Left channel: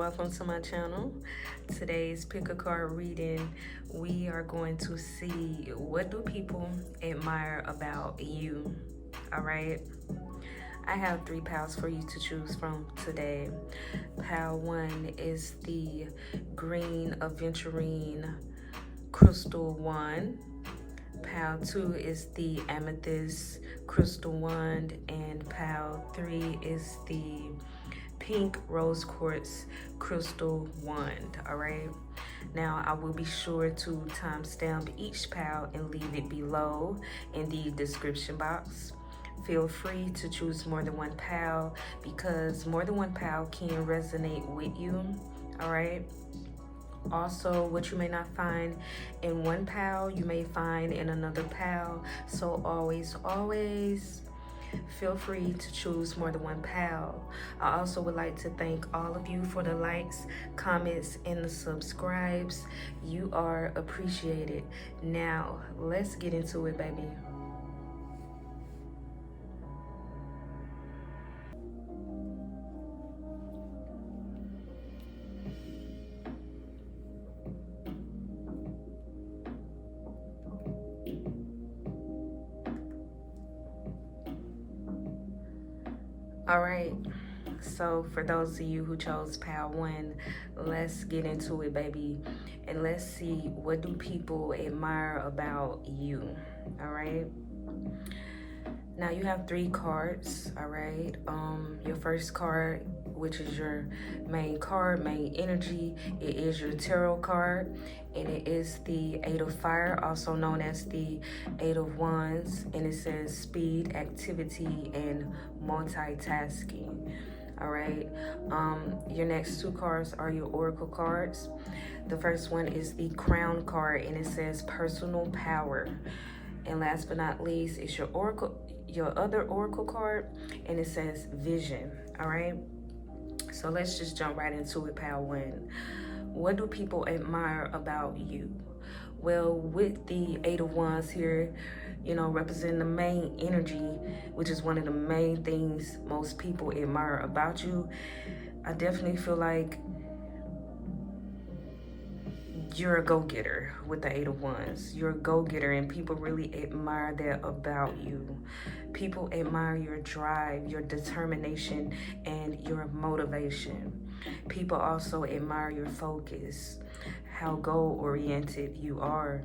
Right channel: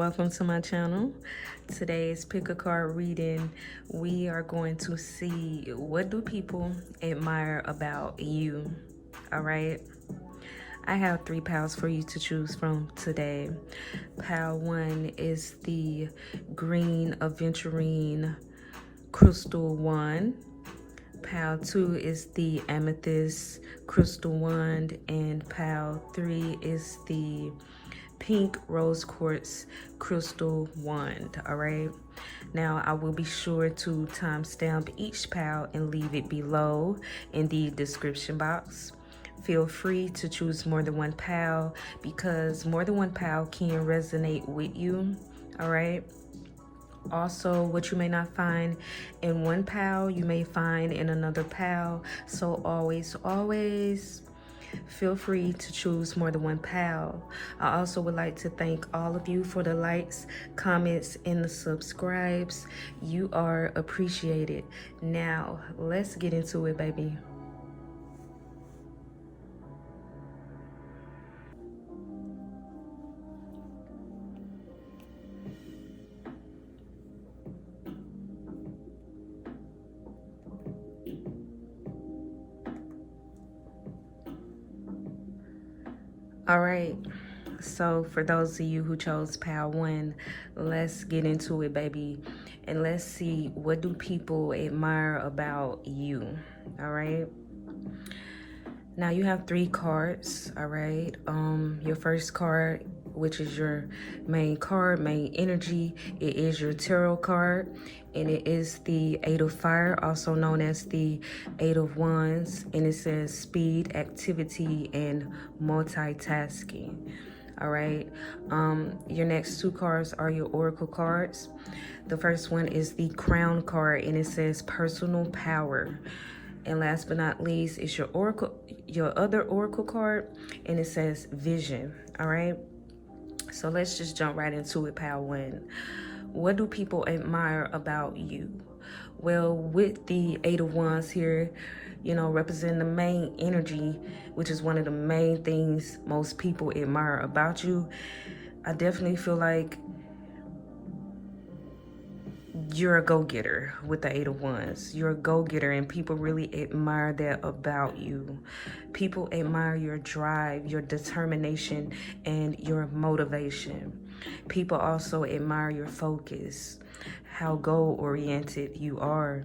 welcome to my channel. Today's pick a card reading, we are going to see what do people admire about you. All right, I have 3 piles for you to choose from today. Pile 1 is the green Aventurine crystal wand. Pile 2 is the Amethyst crystal wand, and pile 3 is the pink rose quartz crystal wand. All right, now I will be sure to timestamp each pile and leave it below in the description box. Feel free to choose more than one pile because more than one pile can resonate with you. All right, also what you may not find in one pile you may find in another pile, so always feel free to choose more than one pal. I also would like to thank all of you for the likes, comments, and the subscribes. You are appreciated. Now, let's get into it, baby. All right, so for those of you who chose pile 1, let's get into it, baby, and let's see what do people admire about you. All right, now you have 3 cards. All right, your first card, which is your main card, main energy, it is your tarot card, and it is the 8 of fire, also known as the 8 of wands, and it says speed, activity, and multitasking. All right, your next 2 cards are your oracle cards. The first one is the crown card, and it says personal power, and last but not least is your other oracle card, and it says vision. All right, so let's just jump right into it. Pile 1, what do people admire about you? Well, with the 8 of wands here, you know, representing the main energy, which is one of the main things most people admire about you, I definitely feel like you're a go-getter with the 8 of wands. You're a go-getter, and people really admire that about you. People admire your drive, your determination, and your motivation. People also admire your focus, how goal-oriented you are,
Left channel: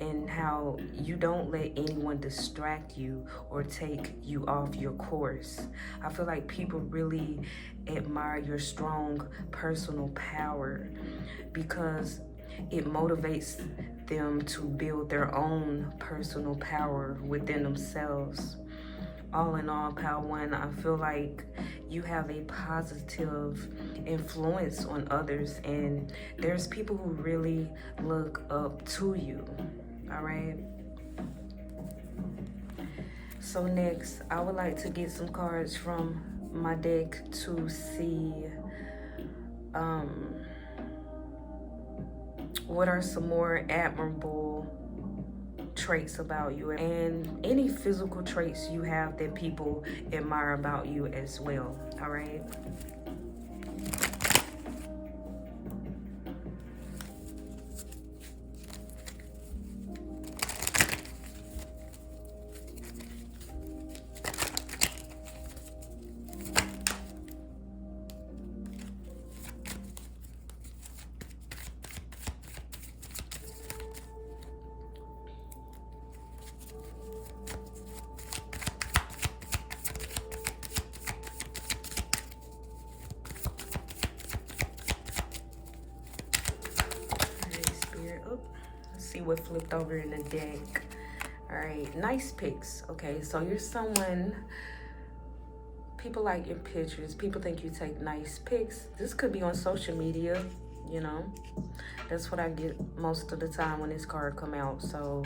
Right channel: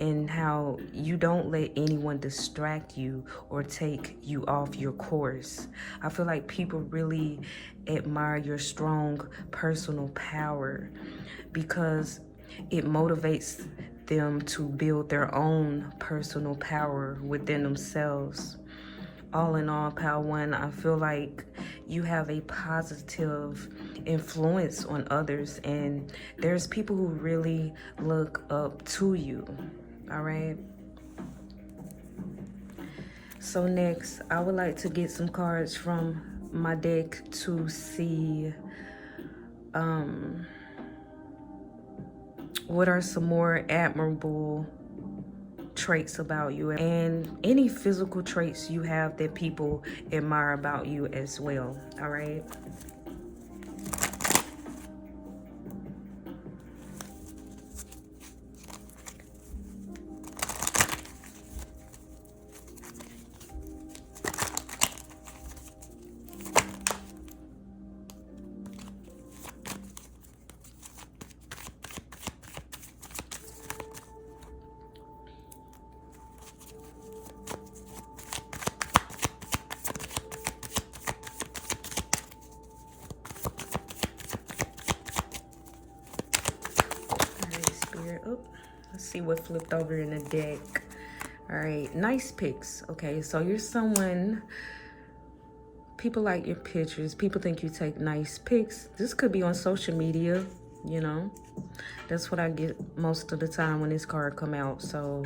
and how you don't let anyone distract you or take you off your course. I feel like people really admire your strong personal power because it motivates them to build their own personal power within themselves. All in all, pile 1, I feel like you have a positive influence on others, and there's people who really look up to you. All right, so next I would like to get some cards from my deck to see what are some more admirable traits about you, and any physical traits you have that people admire about you as well. All right, see what flipped over in the deck. All right, nice picks. Okay, so you're someone, people like your pictures, people think you take nice pics. This could be on social media, you know, that's what I get most of the time when this card come out. So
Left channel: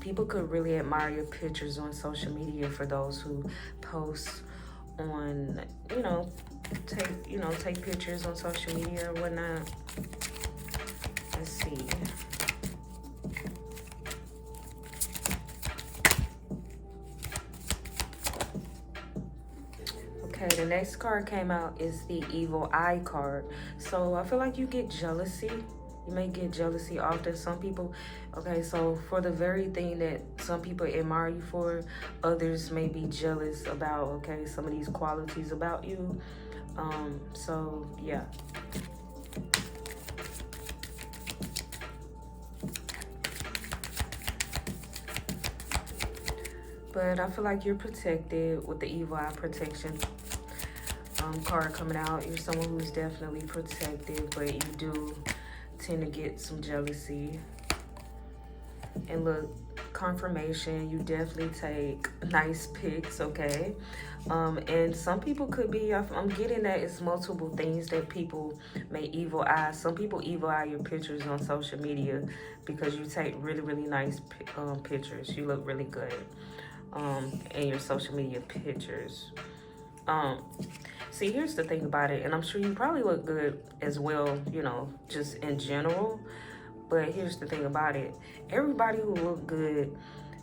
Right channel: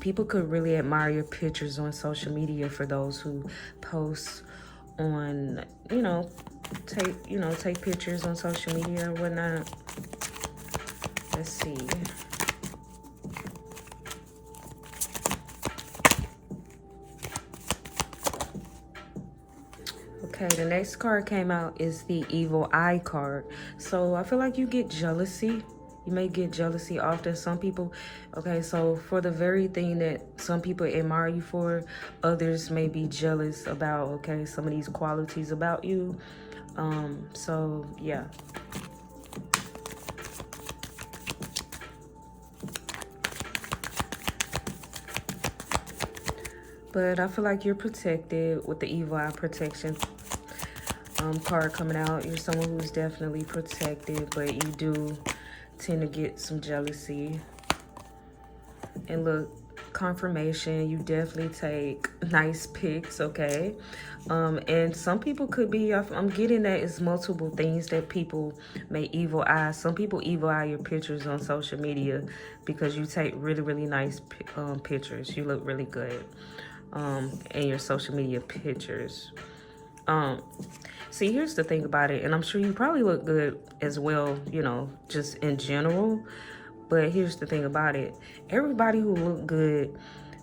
people could really admire your pictures on social media for those who post on, take pictures on social media or whatnot. Let's see. Okay, the next next card came out is the Evil Eye card. So I feel like you get jealousy. You may get jealousy often. Some people, okay, so for the very thing that some people admire you for, others may be jealous about, okay, some of these qualities about you. So yeah. But I feel like you're protected with the Evil Eye protection card coming out. You're someone who's definitely protected, but you do tend to get some jealousy. And look, confirmation, you definitely take nice pics, okay? And some people could be, I'm getting that it's multiple things that people may evil eye. Some people evil eye your pictures on social media because you take really, really nice pictures. You look really good in your social media pictures. See, here's the thing about it, and I'm sure you probably look good as well, you know, just in general. But here's the thing about it. Everybody who look good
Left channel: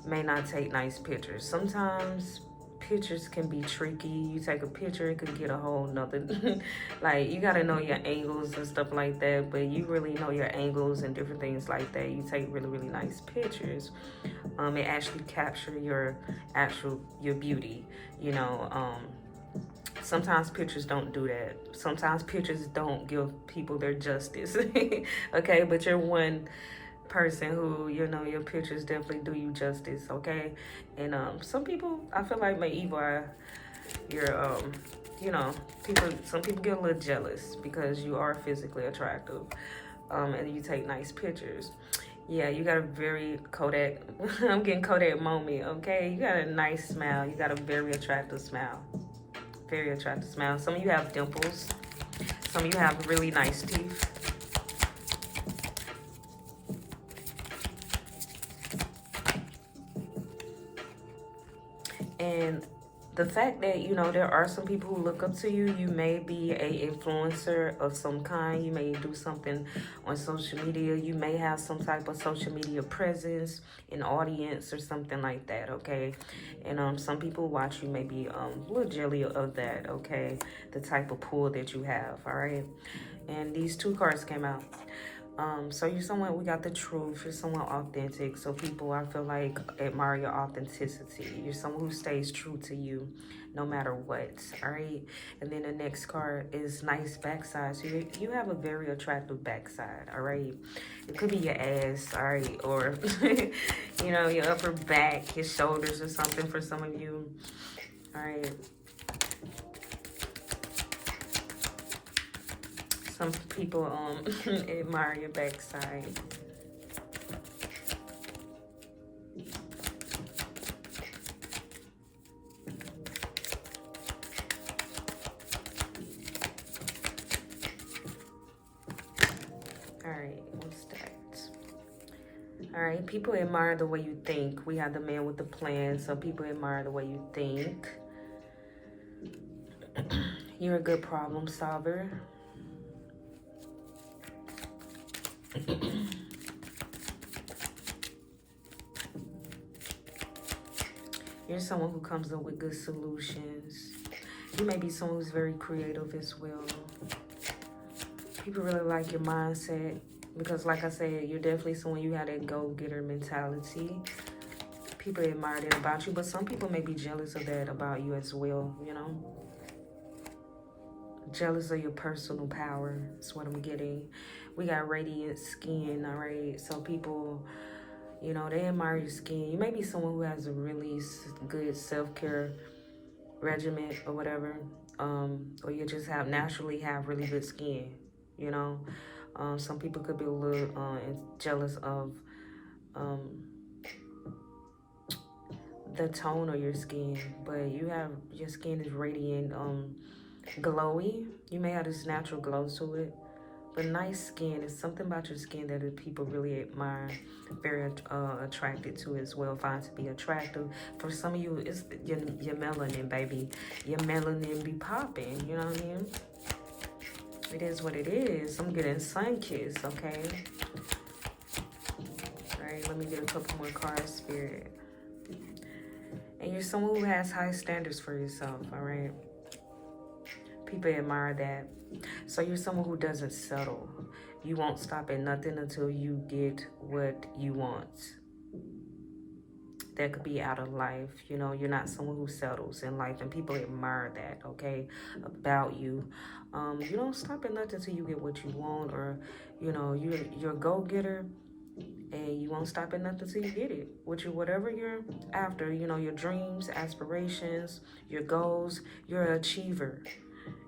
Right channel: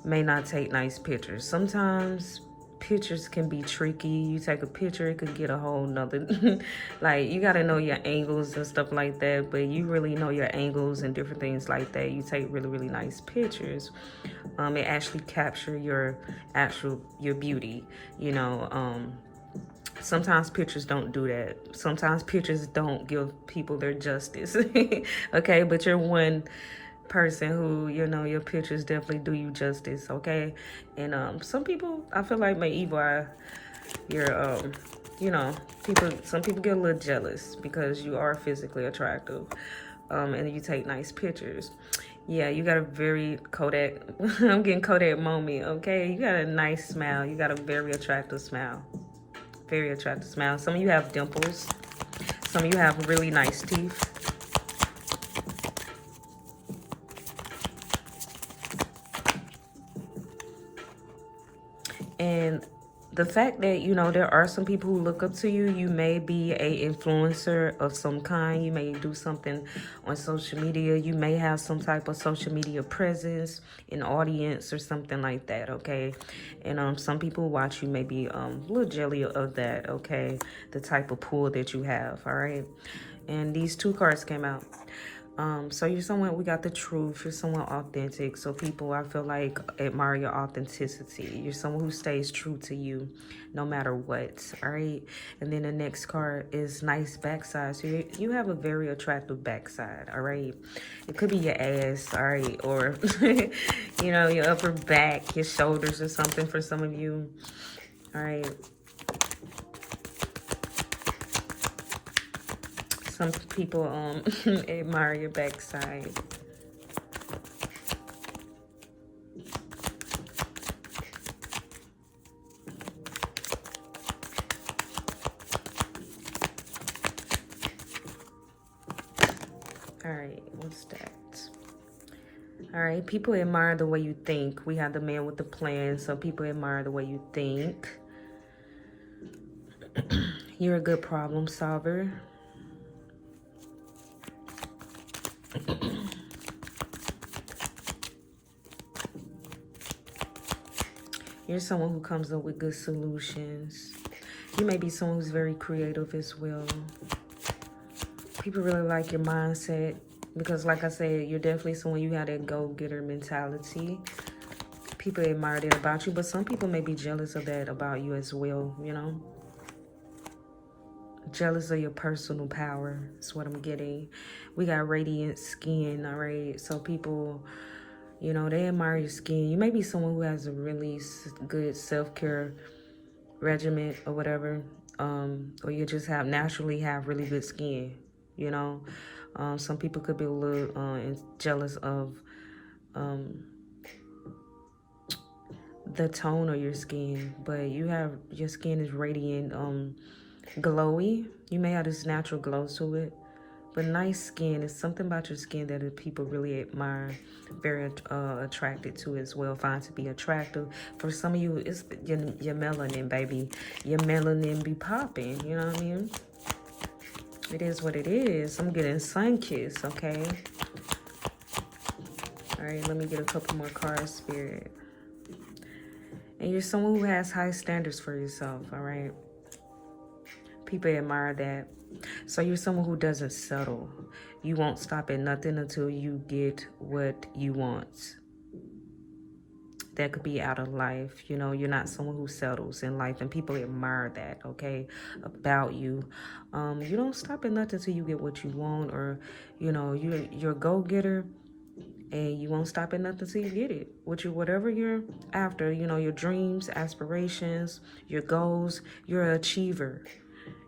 may not take nice pictures. Sometimes pictures can be tricky. You take a picture, it could get a whole nother, like, you gotta know your angles and stuff like that, but you really know your angles and different things like that. You take really, really nice pictures. It actually capture your beauty, you know. Sometimes pictures don't do that. Sometimes pictures don't give people their justice. Okay, but you're one person who, you know, your pictures definitely do you justice, okay? And some people, I feel like, may evil eye your, you know, some people get a little jealous because you are physically attractive, and you take nice pictures. Yeah, you got a very Kodak, I'm getting Kodak moment, okay? You got a nice smile. You got a very attractive smile. Very attractive smile. Some of you have dimples. Some of you have really nice teeth. And the fact that, you know, there are some people who look up to you. You may be an influencer of some kind. You may do something on social media. You may have some type of social media presence, an audience or something like that, okay? And some people who watch you may be a little jelly of that, okay? The type of pull that you have, all right? And these two cards came out. So you're someone, we got the truth, you're someone authentic. So people, I feel like, admire your authenticity. You're someone who stays true to you no matter what, all right? And then the next card is nice backside. So you have a very attractive backside, all right? It could be your ass, all right? Or, you know, your upper back, your shoulders or something for some of you, all right? Some people admire your backside. Alright, what's that? Alright, people admire the way you think. We have the man with the plan, so people admire the way you think. You're a good problem solver. You're someone who comes up with good solutions. You may be someone who's very creative as well. People really like your mindset because, like I said, you're definitely someone, you have that go-getter mentality. People admire that about you, but some people may be jealous of that about you as well, you know? Jealous of your personal power is what I'm getting. We got radiant skin, all right? So people, you know, they admire your skin. You may be someone who has a really good self-care regimen or whatever, or you just naturally have really good skin, you know. Some people could be a little jealous of the tone of your skin, but your skin is radiant, glowy. You may have this natural glow to it. But nice skin is something about your skin that people really admire, very attracted to as well, find to be attractive. For some of you, it's your melanin, baby. Your melanin be popping, you know what I mean? It is what it is. I'm getting sun kiss, okay? All right, let me get a couple more cards, Spirit. And you're someone who has high standards for yourself, all right? People admire that. So you're someone who doesn't settle. You won't stop at nothing until you get what you want. That could be out of life. You know, you're not someone who settles in life, and people admire that, okay, about you. You don't stop at nothing until you get what you want, or, you know, you're a go-getter, and you won't stop at nothing until you get it. Whatever you're after, you know, your dreams, aspirations, your goals, you're an achiever.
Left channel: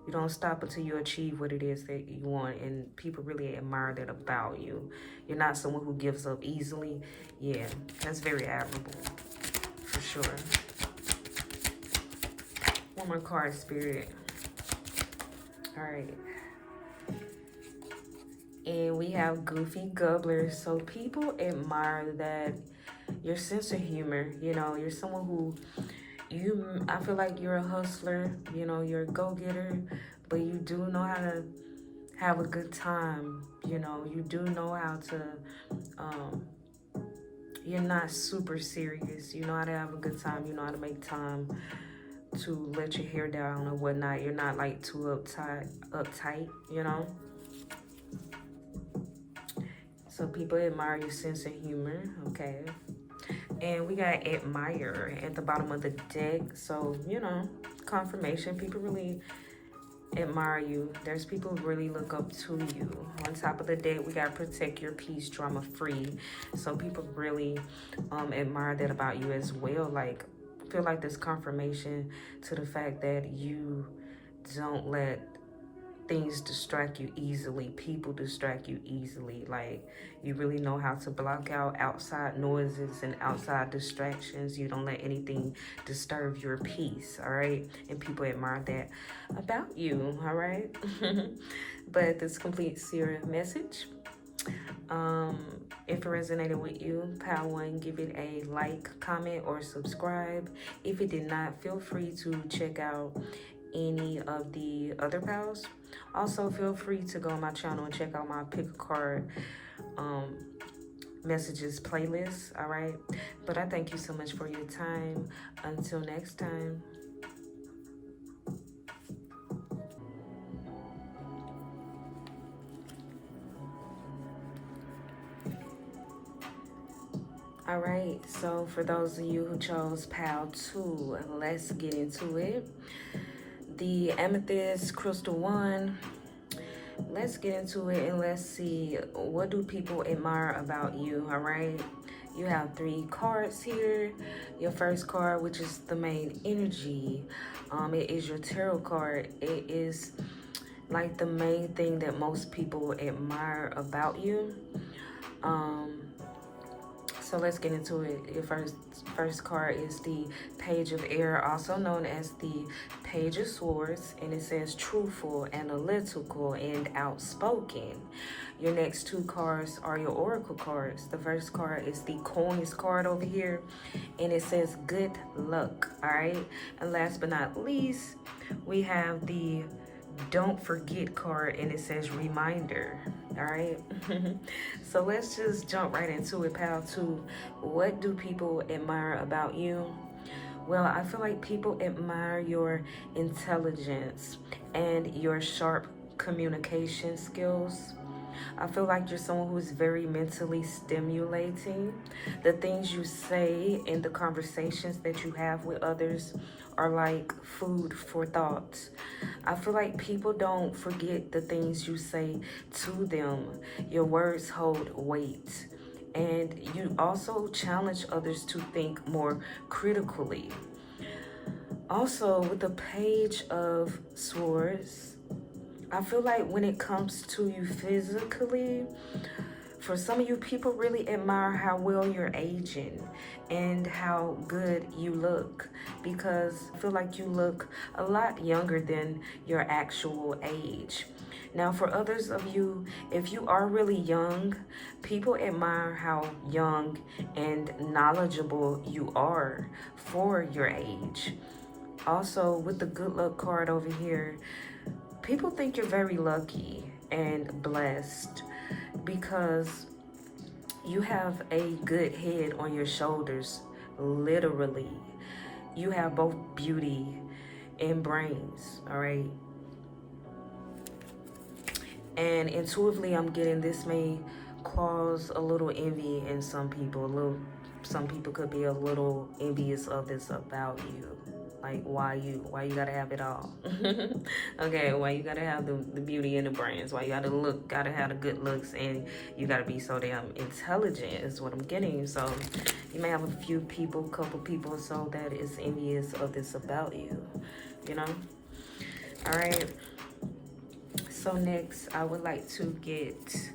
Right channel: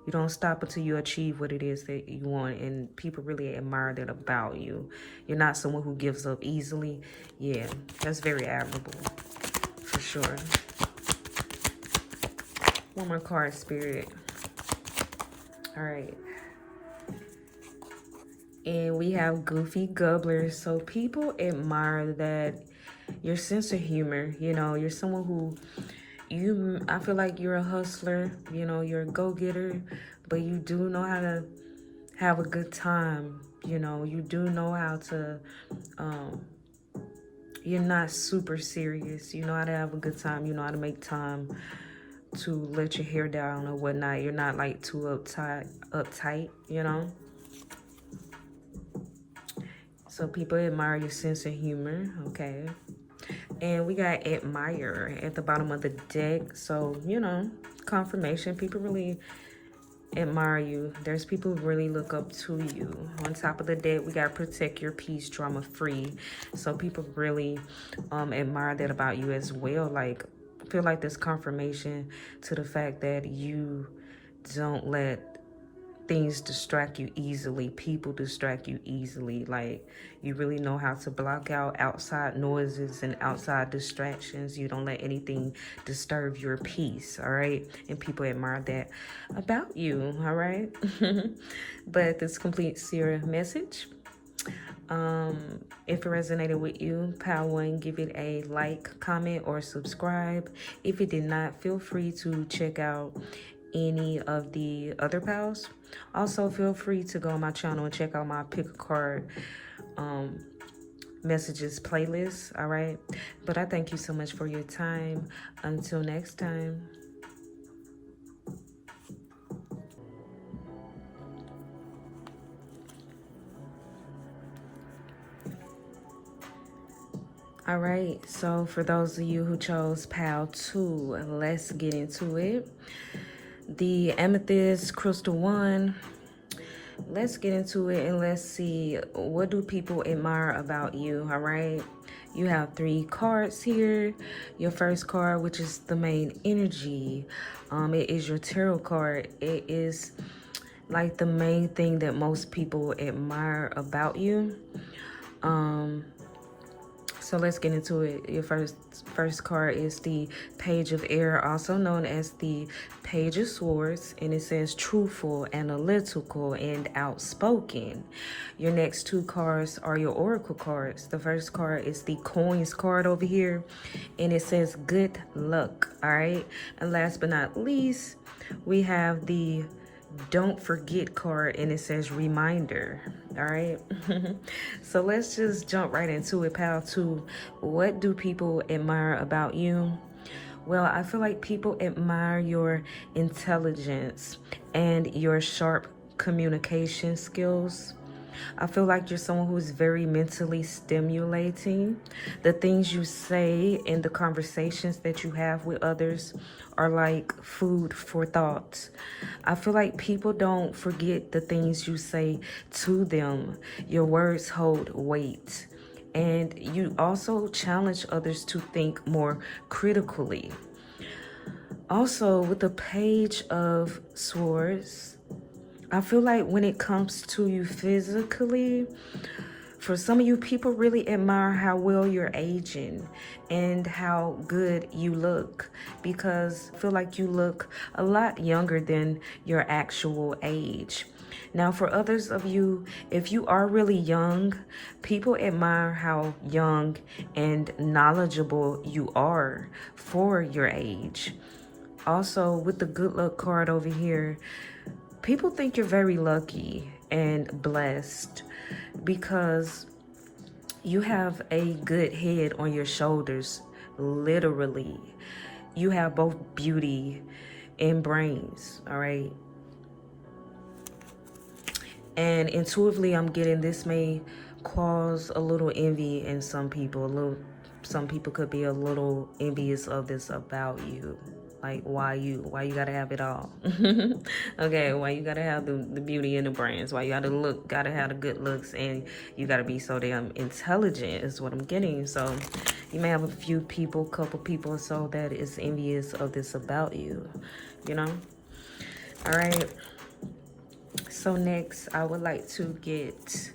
You don't stop until you achieve what it is that you want, and people really admire that about you. You're not someone who gives up easily. Yeah, that's very admirable, for sure. One more card, Spirit. All right. And we have Goofy Gubbler. So people admire that your sense of humor. You know, you're someone who, I feel like you're a hustler, you know, you're a go-getter, but you do know how to have a good time. You know, you do know how to, you're not super serious. You know how to have a good time. You know how to make time to let your hair down or whatnot. You're not like too uptight, you know. So people admire your sense of humor, okay. And we got admire at the bottom of the deck. So, you know, confirmation. People really admire you. There's people who really look up to you. On top of the deck, we got protect your peace, drama free. So people really admire that about you as well. Like, I feel like this confirmation to the fact that you don't let things distract you easily, people distract you easily. Like, you really know how to block out outside noises and outside distractions. You don't let anything disturb your peace, all right? And people admire that about you, all right? But this completes your message. If it resonated with you, power one, give it a like, comment, or subscribe. If it did not, feel free to check out any of the other pals. Also, feel free to go on my channel and check out my pick a card messages playlist, all right? But I thank you so much for your time. Until next time. All right, so for those of you who chose Pal 2, let's get into it. The Amethyst Crystal 1, let's get into it and let's see, what do people admire about you, all right? You have 3 cards here. Your first card, which is the main energy, it is your tarot card. It is like the main thing that most people admire about you. So let's get into it. Your first card is the Page of Air, also known as the Page of Swords, and it says truthful, analytical, and outspoken. Your next 2 cards are your Oracle cards. The first card is the Coins card over here, and it says good luck, all right? And last but not least, we have the Don't Forget card, and it says reminder, all right? So let's just jump right into it, Pal 2. What do people admire about you? Well, I feel like people admire your intelligence and your sharp communication skills. I feel like you're someone who's very mentally stimulating. The things you say and the conversations that you have with others are like food for thought. I feel like people don't forget the things you say to them. Your words hold weight. And you also challenge others to think more critically. Also, with the Page of Swords, I feel like when it comes to you physically, for some of you, people really admire how well you're aging and how good you look, because I feel like you look a lot younger than your actual age. Now, for others of you, if you are really young, people admire how young and knowledgeable you are for your age. Also, with the good luck card over here, people think you're very lucky and blessed because you have a good head on your shoulders, literally. You have both beauty and brains, all right? And intuitively, I'm getting this may cause a little envy in some people. Some people could be a little envious of this about you. Like, why you gotta have it all? Okay, why you gotta have the beauty and the brains? Why you gotta have the good looks, and you gotta be so damn intelligent is what I'm getting. So you may have a few people, couple people or so that is envious of this about you, you know? All right. So next, I would like to get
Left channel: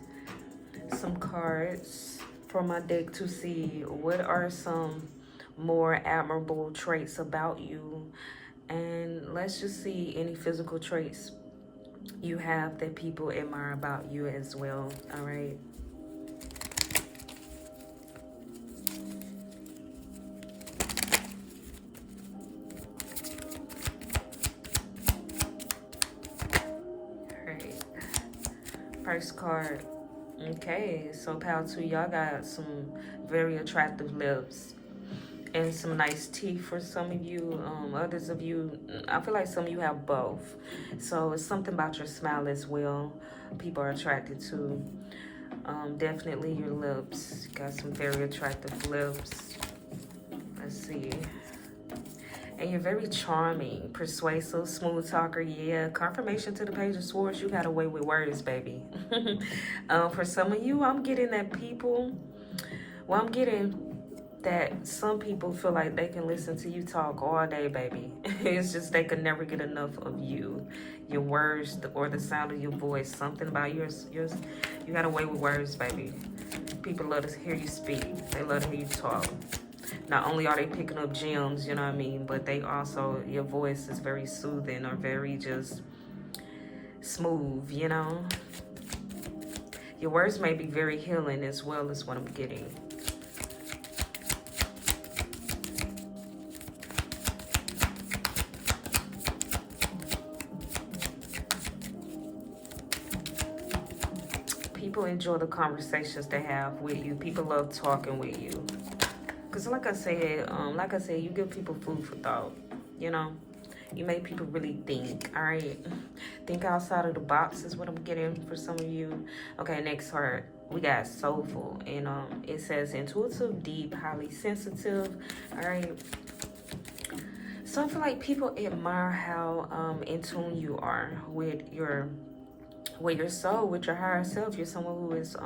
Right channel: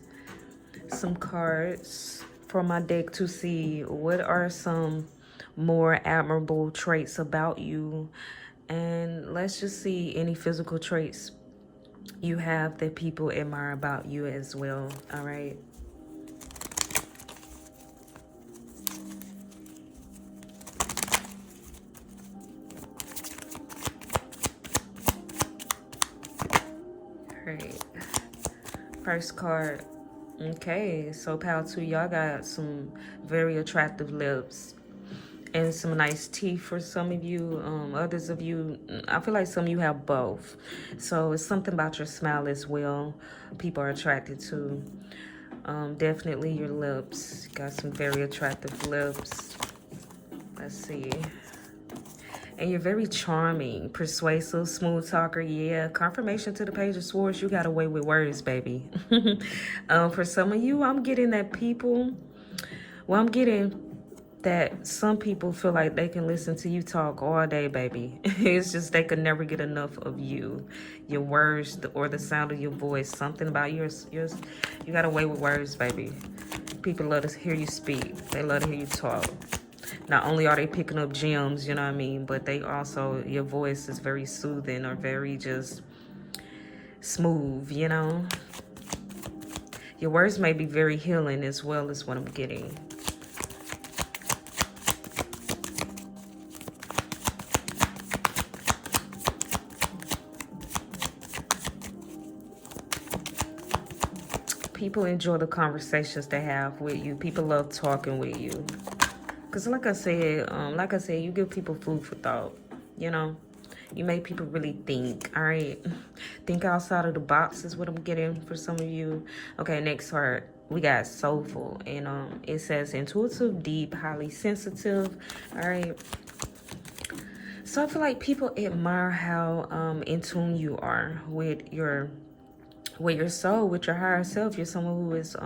some cards from my deck to see what are some more admirable traits about you. And let's just see any physical traits you have that people admire about you as well. All right. First card. Okay, so power to y'all got some very attractive lips and some nice teeth for some of you. Others of you, I feel like some of you have both. So it's something about your smile as well people are attracted to. Definitely your lips. You got some very attractive lips. Let's see. And you're very charming, persuasive, smooth talker. Yeah, confirmation to the Page of Swords. You got away with words, baby. For some of you, I'm getting that people, well, I'm getting that some people feel like they can listen to you talk all day, baby. It's just they could never get enough of you. Your words or the sound of your voice. Something about yours. You got away with words, baby. People love to hear you speak. They love to hear you talk. Not only are they picking up gems, you know what I mean, but they also, your voice is very soothing or very just smooth, you know. Your words may be very healing as well as what I'm getting. People enjoy the conversations they have with you. People love talking with you. Because like I said, you give people food for thought, you know. You make people really think, all right? Think outside of the box is what I'm getting for some of you. Okay, next card, we got soulful. And it says intuitive, deep, highly sensitive, all right? So I feel like people admire how in tune you are with your soul, with your higher self. You're someone who is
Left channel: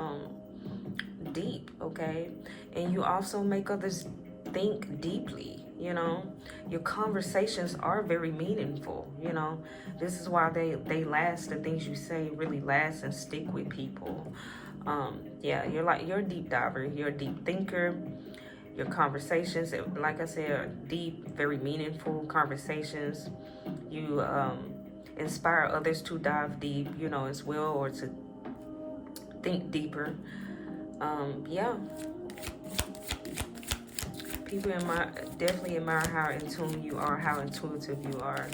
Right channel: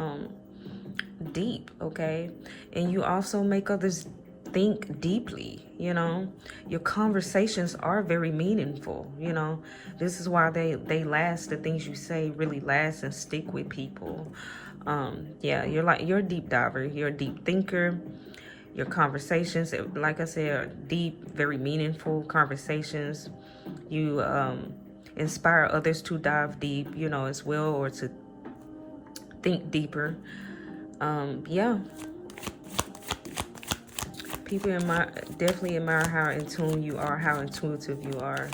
deep, okay? And you also make others think deeply, you know. Your conversations are very meaningful, you know. This is why they last. The things you say really last and stick with people. Yeah, you're a deep diver. You're a deep thinker. Your conversations, like I said, are deep, very meaningful conversations. You inspire others to dive deep, you know, as well, or to think deeper. Yeah. People definitely admire how in tune you are, how intuitive you are.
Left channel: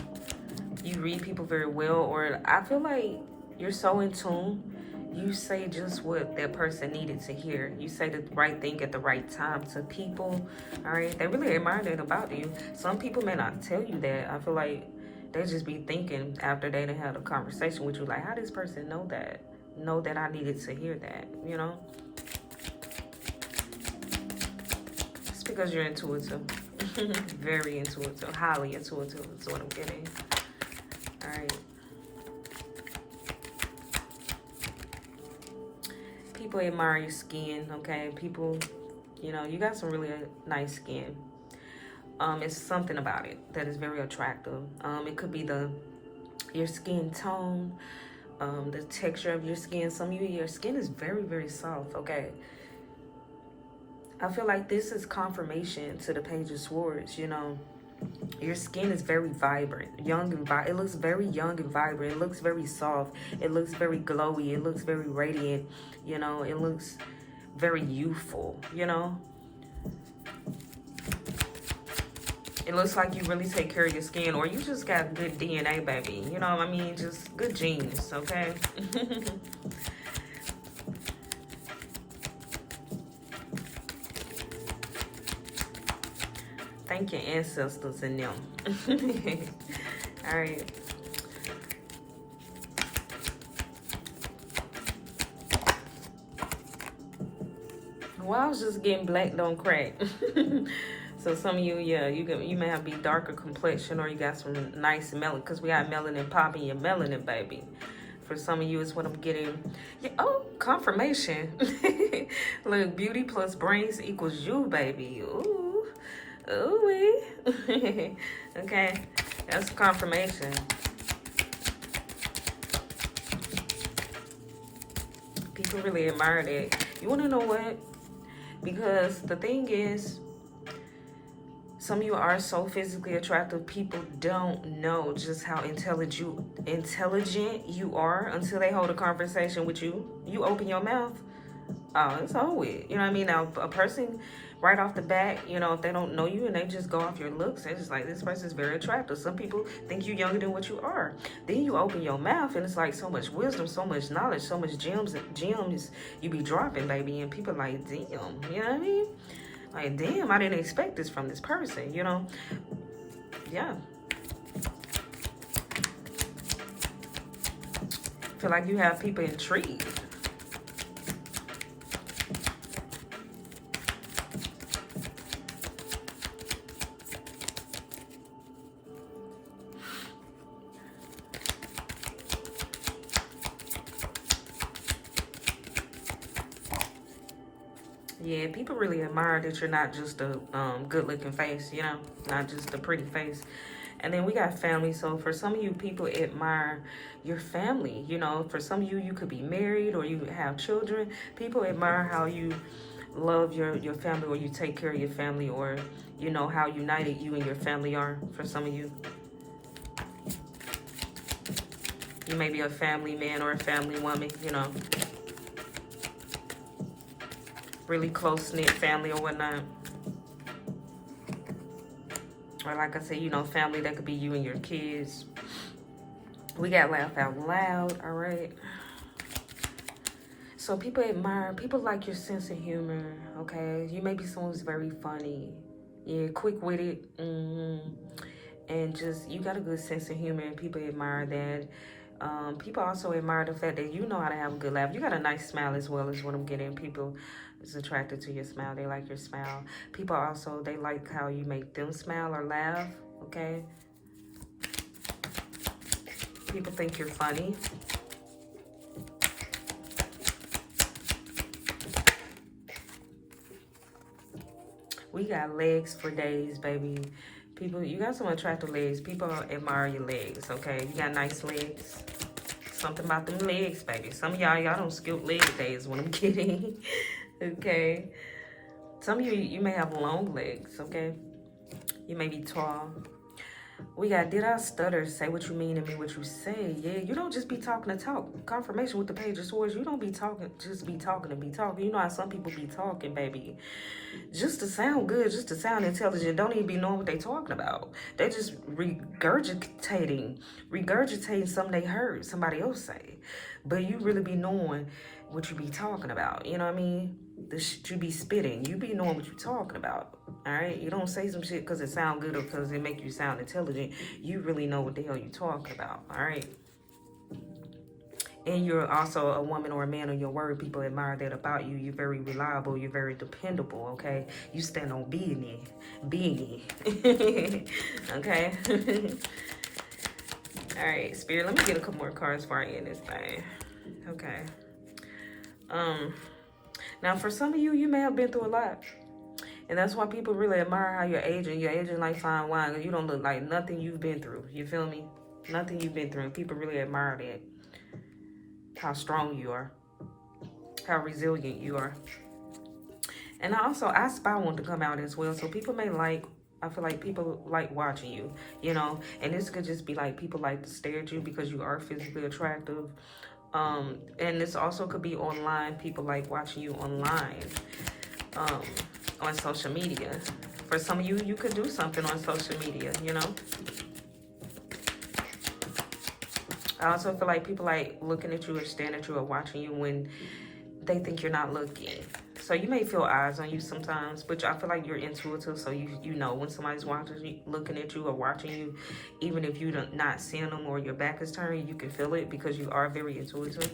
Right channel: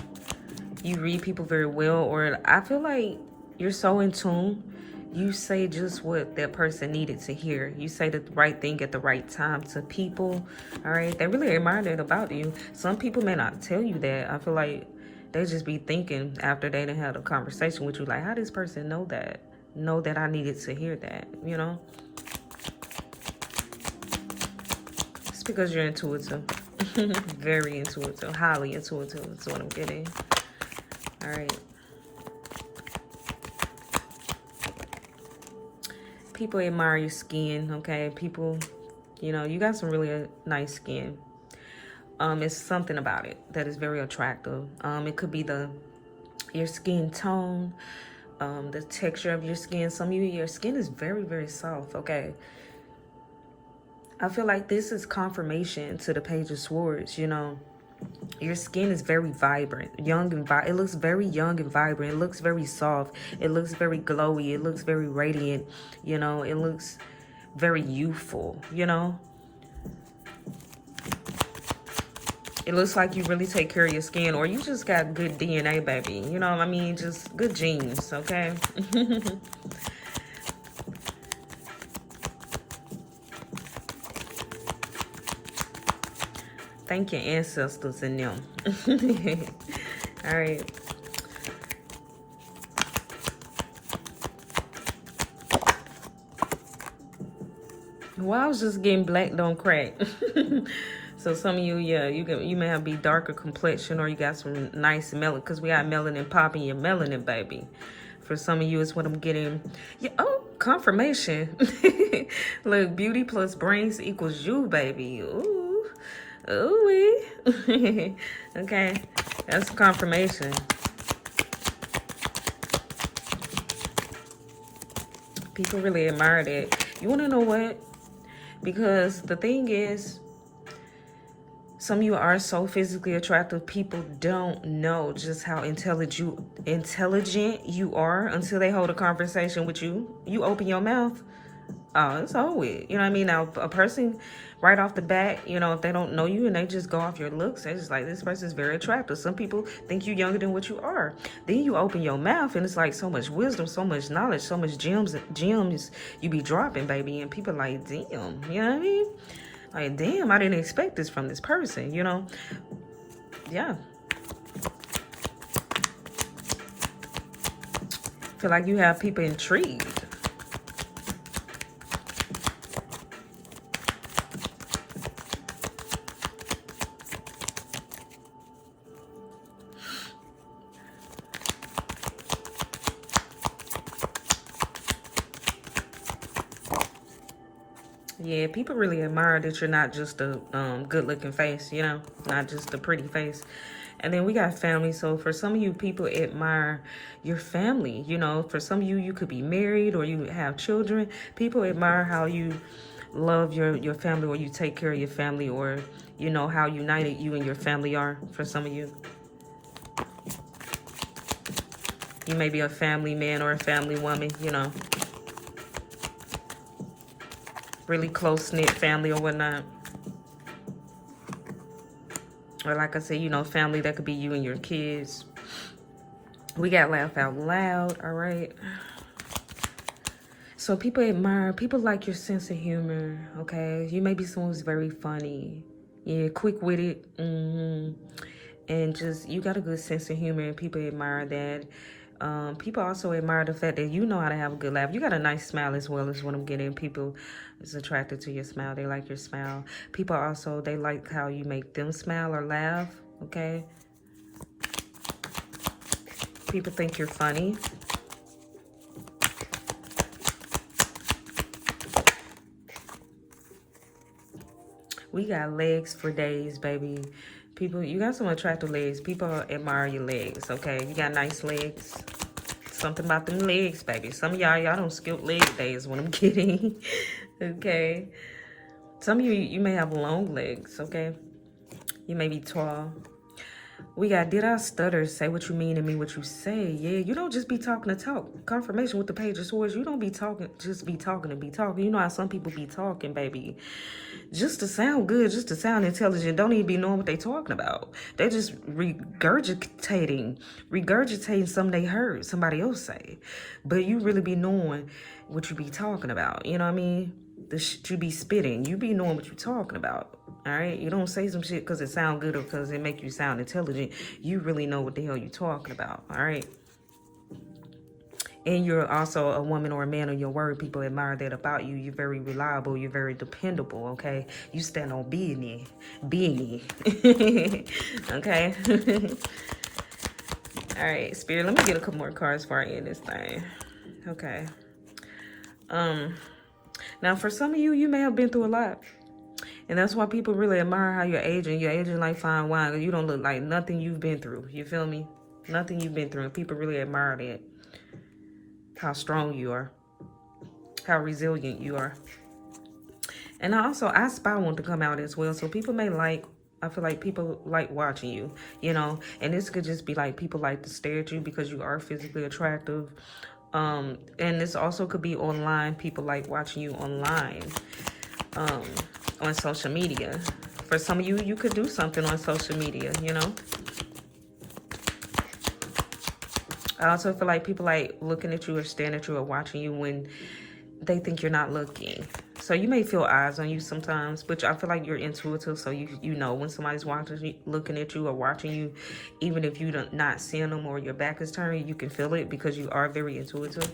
You read people very well, or I feel like you're so in tune. You say just what that person needed to hear. You say the right thing at the right time to people, all right? They really admire that about you. Some people may not tell you that. I feel like they just be thinking after they done had a conversation with you, like, how does this person know that I needed to hear that, you know? It's because you're intuitive. Very intuitive, highly intuitive is what I'm getting. All right. People admire your skin, okay? People, you know, you got some really nice skin. It's something about it that is very attractive. It could be your skin tone, the texture of your skin. Some of you, your skin is very, very soft, okay? I feel like this is confirmation to the Page of Swords, you know. Your skin is very vibrant, young and it looks very young and vibrant. It looks very soft. It looks very glowy. It looks very radiant, you know. It looks very youthful, you know. It looks like you really take care of your skin, or you just got good DNA, baby. You know what I mean? Just good genes, okay? Thank your ancestors and them. All right. Well, I was just getting black don't crack. So some of you, yeah, you may have be darker complexion, or you got some nice melanin, because we got melanin popping your melanin, baby. For some of you, it's what I'm getting. Yeah, oh, confirmation. Look, beauty plus brains equals you, baby. Ooh, ooh. Okay, that's confirmation. People really admire that. You want to know what? Because the thing is, some of you are so physically attractive, people don't know just how intelligent you are until they hold a conversation with you. You open your mouth, oh, it's over with. You know what I mean? Now, a person right off the bat, you know, if they don't know you and they just go off your looks, they're just like, this person's very attractive. Some people think you're younger than what you are. Then you open your mouth and it's like so much wisdom, so much knowledge, so much gems you be dropping, baby. And people like, damn, you know what I mean? Like, damn, I didn't expect this from this person, you know? Yeah. Feel like you have people intrigued. Yeah, people really admire that you're not just a good-looking face, you know, not just a pretty face. And then we got family. So for some of you, people admire your family. You know, for some of you, you could be married or you have children. People admire how you love your family, or you take care of your family, or, you know, how united you and your family are. For some of you, you may be a family man or a family woman, you know, really close-knit family or whatnot. Or like I said, you know, family that could be you and your kids. We got laugh out loud, all right? So people admire, people like your sense of humor, okay? You may be someone who's very funny. Yeah, quick-witted. And just, you got a good sense of humor, and people admire that. People also admire the fact that you know how to have a good laugh. You got a nice smile as well, is what I'm getting. People is attracted to your smile. They like your smile. People also, they like how you make them smile or laugh, okay? People think you're funny. We got legs for days, baby. People, you got some attractive legs. People admire your legs, okay? You got nice legs. Something about them legs, baby. Some of y'all don't skip leg days, what I'm kidding. Okay? Some of you may have long legs, okay? You may be tall. We got, did I stutter? Say what you mean and mean what you say. Yeah, you don't just be talking to talk. Confirmation with the Page of Swords. You don't be talking, just be talking to be talking. You know how some people be talking, baby. Just to sound good, just to sound intelligent. Don't even be knowing what they talking about. They just regurgitating something they heard somebody else say. But you really be knowing what you be talking about. You know what I mean? The shit you be spitting. You be knowing what you talking about. Alright? You don't say some shit because it sound good or because it make you sound intelligent. You really know what the hell you talking about. Alright? And you're also a woman or a man of your word. People admire that about you. You're very reliable. You're very dependable, okay? You stand on being. Okay? Alright, Spirit, let me get a couple more cards for you in this thing. Okay. Now for some of you, you may have been through a lot. And that's why people really admire how you're aging. You're aging like fine wine. You don't look like nothing you've been through. You feel me? Nothing you've been through. And people really admire that. How strong you are. How resilient you are. And also, I spy want to come out as well. So people may like, I feel like people like watching you, you know. And this could just be like people like to stare at you because you are physically attractive. And this also could be online. People like watching you online, on social media. For some of you, you could do something on social media, you know. I also feel like people like looking at you or staring at you or watching you when they think you're not looking. So you may feel eyes on you sometimes, but I feel like you're intuitive, so you know when somebody's watching you, looking at you or watching you, even if you're not seeing them or your back is turned, you can feel it because you are very intuitive.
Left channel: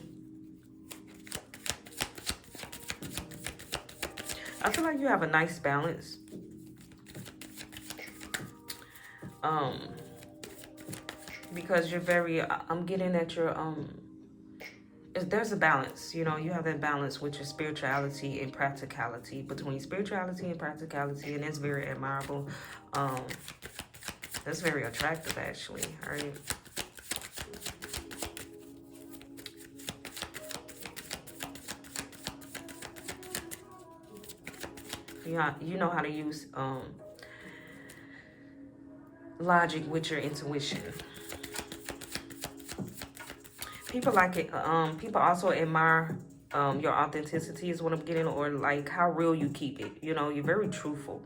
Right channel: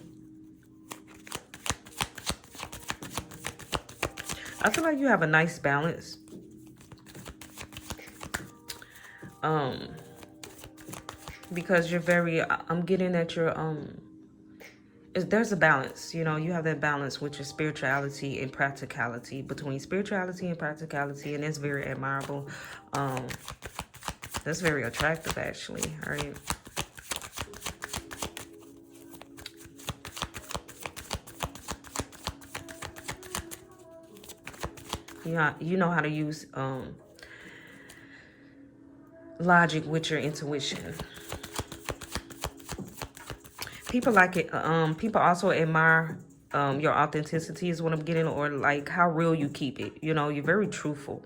I feel like you have a nice balance. Because you're very, I'm getting that you're, there's a balance, you know, you have that balance with your spirituality and practicality, between spirituality and practicality, and it's very admirable. That's very attractive, actually, right? You know how to use logic with your intuition. People like it. People also admire your authenticity is what I'm getting, or like how real you keep it. You know, you're very truthful.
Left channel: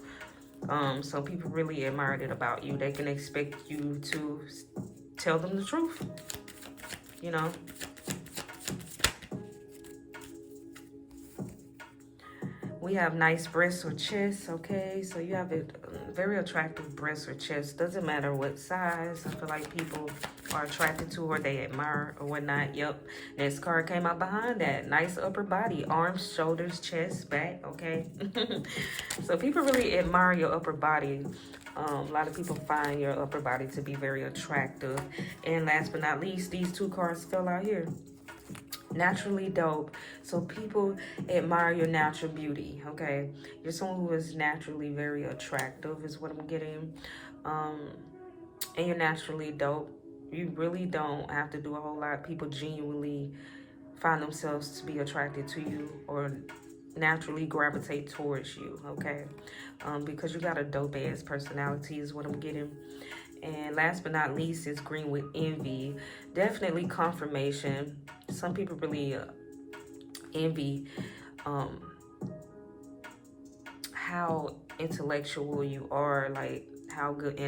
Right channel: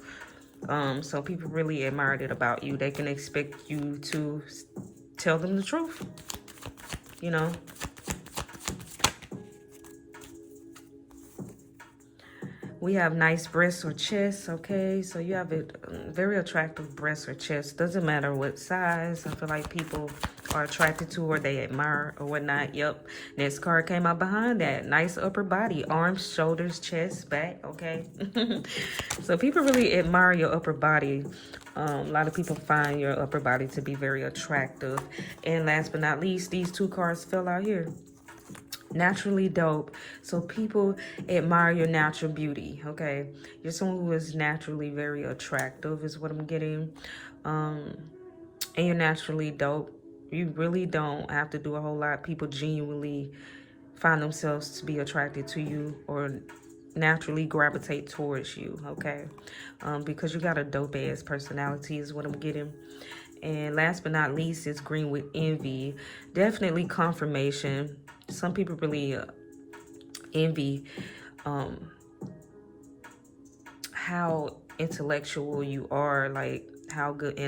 So people really admire it about you. They can expect you to tell them the truth. You know. We have nice breasts or chest, okay? So you have a very attractive breasts or chest. Doesn't matter what size. I feel like people are attracted to or they admire or whatnot. Yep. Next card came out behind that. Nice upper body. Arms, shoulders, chest, back, okay? So people really admire your upper body. A lot of people find your upper body to be very attractive. And last but not least, these two cards fell out here. Naturally dope. So people admire your natural beauty, okay? You're someone who is naturally very attractive is what I'm getting. And you're naturally dope. You really don't have to do a whole lot. People genuinely find themselves to be attracted to you or naturally gravitate towards you, okay? Because you got a dope ass personality is what I'm getting. And last but not least is green with envy. Definitely confirmation. Some people really envy how intellectual you are, like how good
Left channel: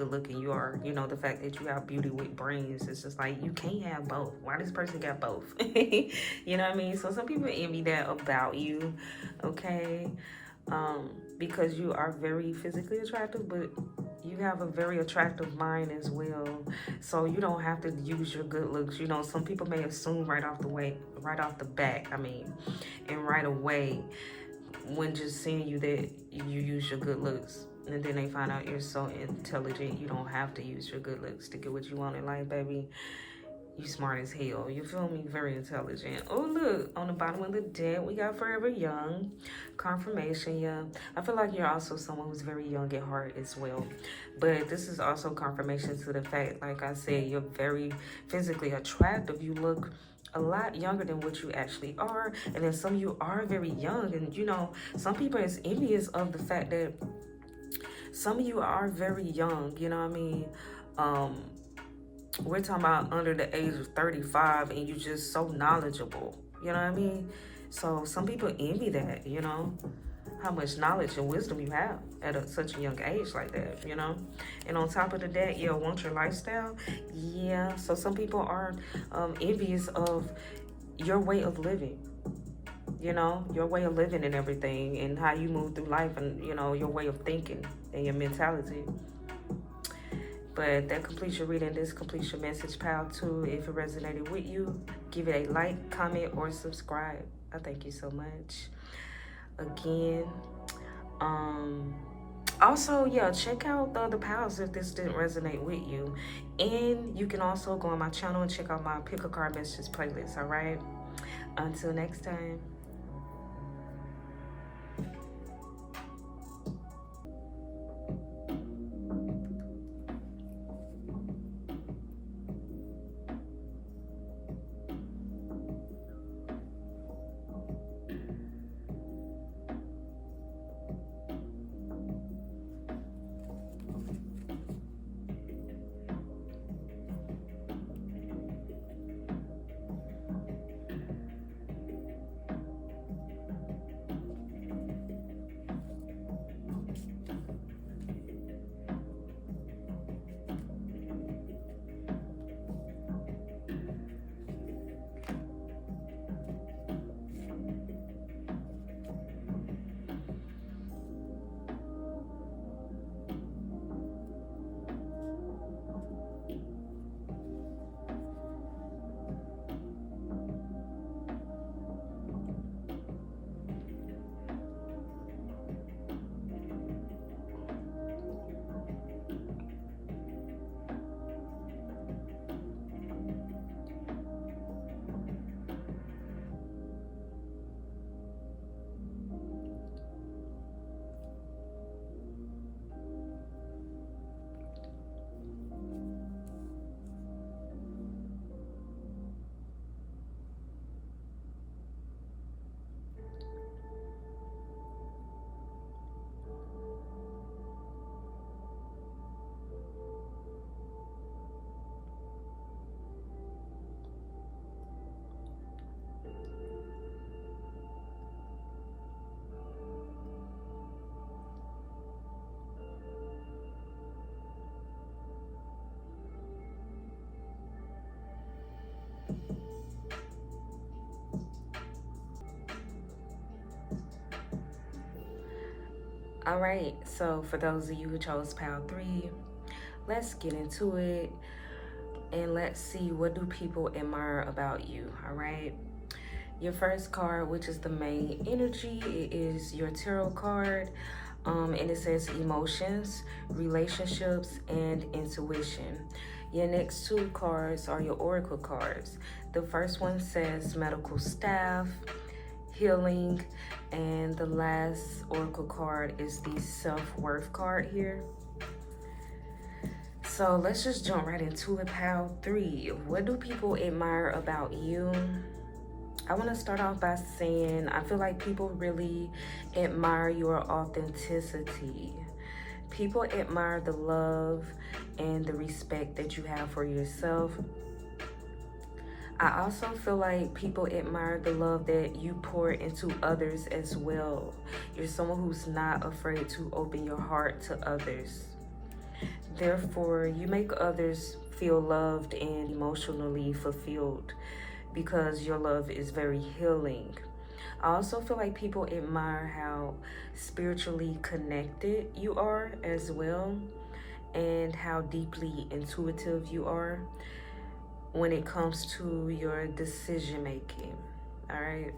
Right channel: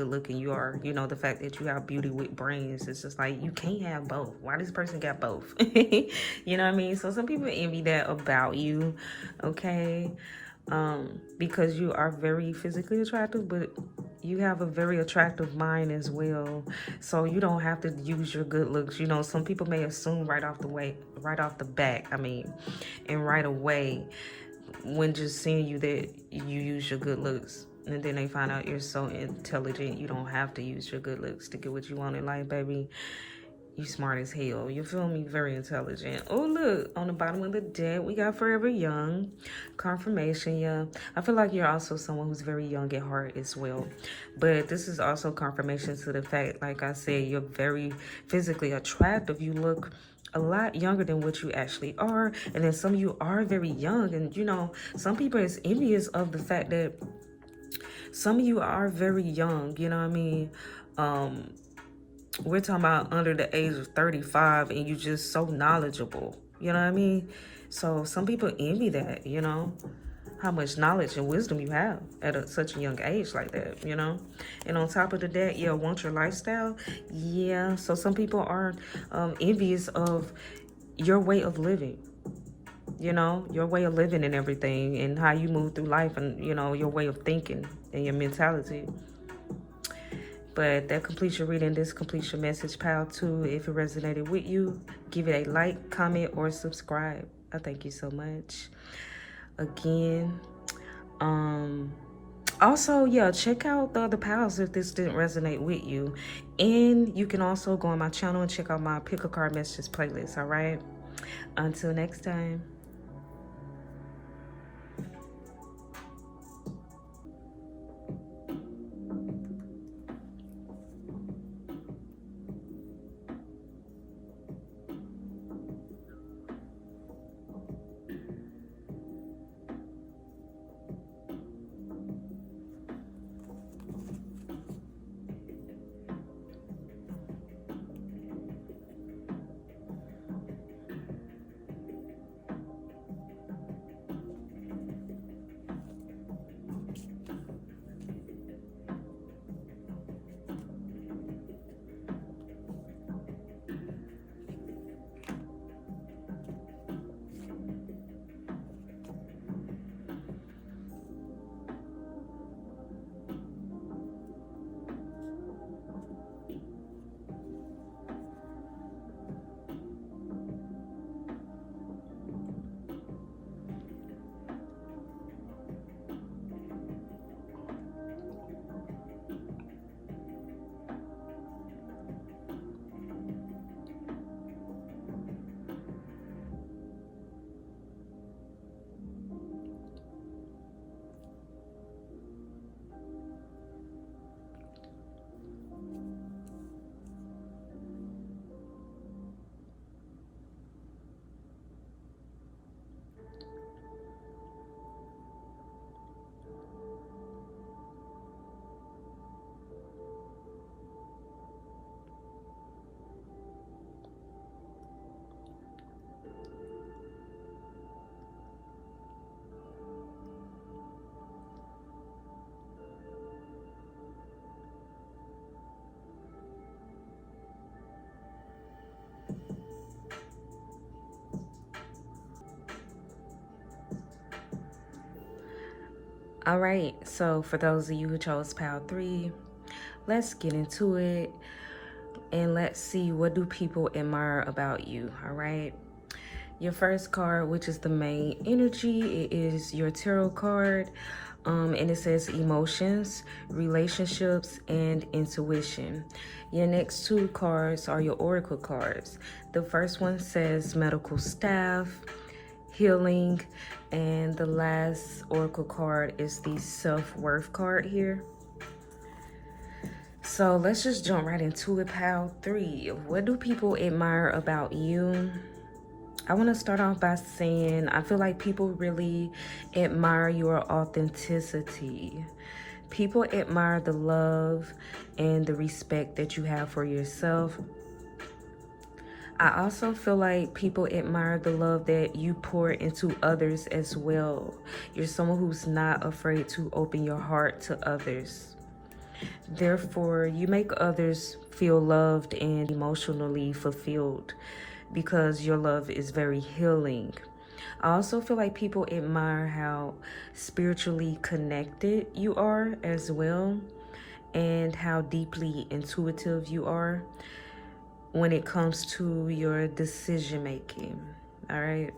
looking you are. You know, the fact that you have beauty with brains. It's just like you can't have both. Why this person got both? You know what I mean? So some people envy that about you, okay? Because you are very physically attractive, but you have a very attractive mind as well. So you don't have to use your good looks. You know, some people may assume right off the back, and right away when just seeing you that you use your good looks. And then they find out you're so intelligent, you don't have to use your good looks to get what you want in life, baby. You smart as hell. You feel me? Very intelligent. Oh, look. On the bottom of the deck, we got Forever Young. Confirmation, yeah. I feel like you're also someone who's very young at heart as well. But this is also confirmation to the fact, like I said, you're very physically attractive. You look a lot younger than what you actually are. And then some of you are very young. And, you know, some people is envious of the fact that some of you are very young. You know what I mean? We're talking about under the age of 35 and you're just so knowledgeable, you know what I mean? So some people envy that, you know, how much knowledge and wisdom you have at such a young age like that, you know? And on top of that, yeah, want your lifestyle? Yeah, so some people are envious of your way of living, you know, your way of living and everything and how you move through life and, you know, your way of thinking and your mentality. But that completes your reading. This completes your message, pal, too. If it resonated with you, give it a like, comment, or subscribe. I thank you so much. Again, also, yeah, check out the other pals if this didn't resonate with you. And you can also go on my channel and check out my Pick a Card Messages playlist, all right? Until next time. All right, so for those of you who chose pile 3, let's get into it and let's see, what do people admire about you? All right, your first card, which is the main energy, it is your tarot card, and it says emotions, relationships, and intuition. Your next 2 cards are your oracle cards. The first one says medical staff, healing, and the last oracle card is the self-worth card here. So let's just jump right into it. Pile 3, what do people admire about you? I want to start off by saying I feel like people really admire your authenticity. People admire the love and the respect that you have for yourself. I also feel like people admire the love that you pour into others as well. You're someone who's not afraid to open your heart to others. Therefore, you make others feel loved and emotionally fulfilled because your love is very healing. I also feel like people admire how spiritually connected you are as well, and how deeply intuitive you are when it comes to your decision making. All right,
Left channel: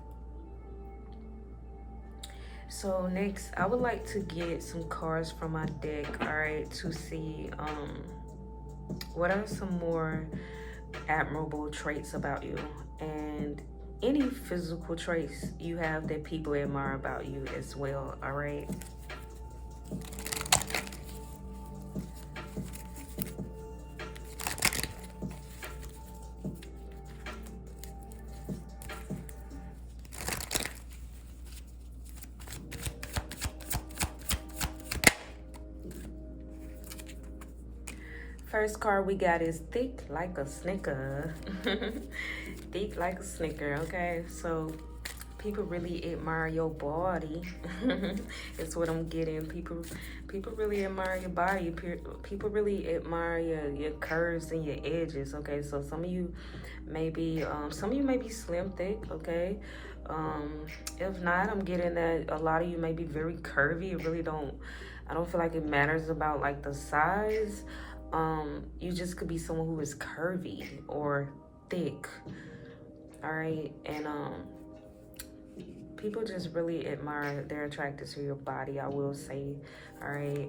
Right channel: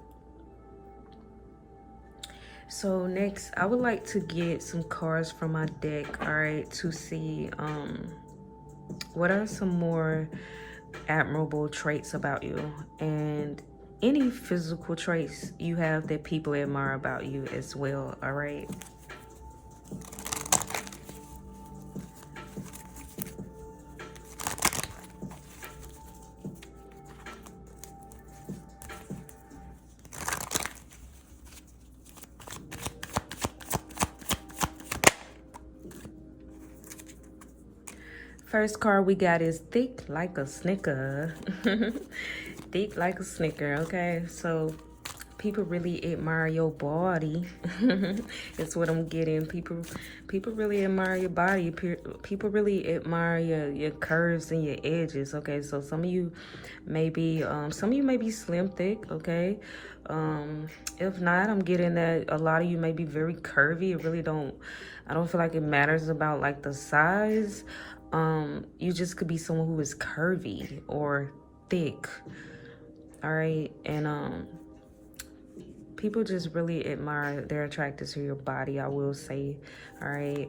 so next I would like to get some cards from my deck, all right, to see what are some more admirable traits about you, and any physical traits you have that people admire about you as well. All right, first card we got is thick like a snicker. Thick like a snicker. Okay, so people really admire your body. That's what I'm getting. People really admire your body. People really admire your curves and your edges. Okay, so some of you may be slim thick. Okay, if not, I'm getting that a lot of you may be very curvy. I don't feel like it matters about like the size. You just could be someone who is curvy or thick. All right, and people just really admire, they're attracted to your body, I will say. All right,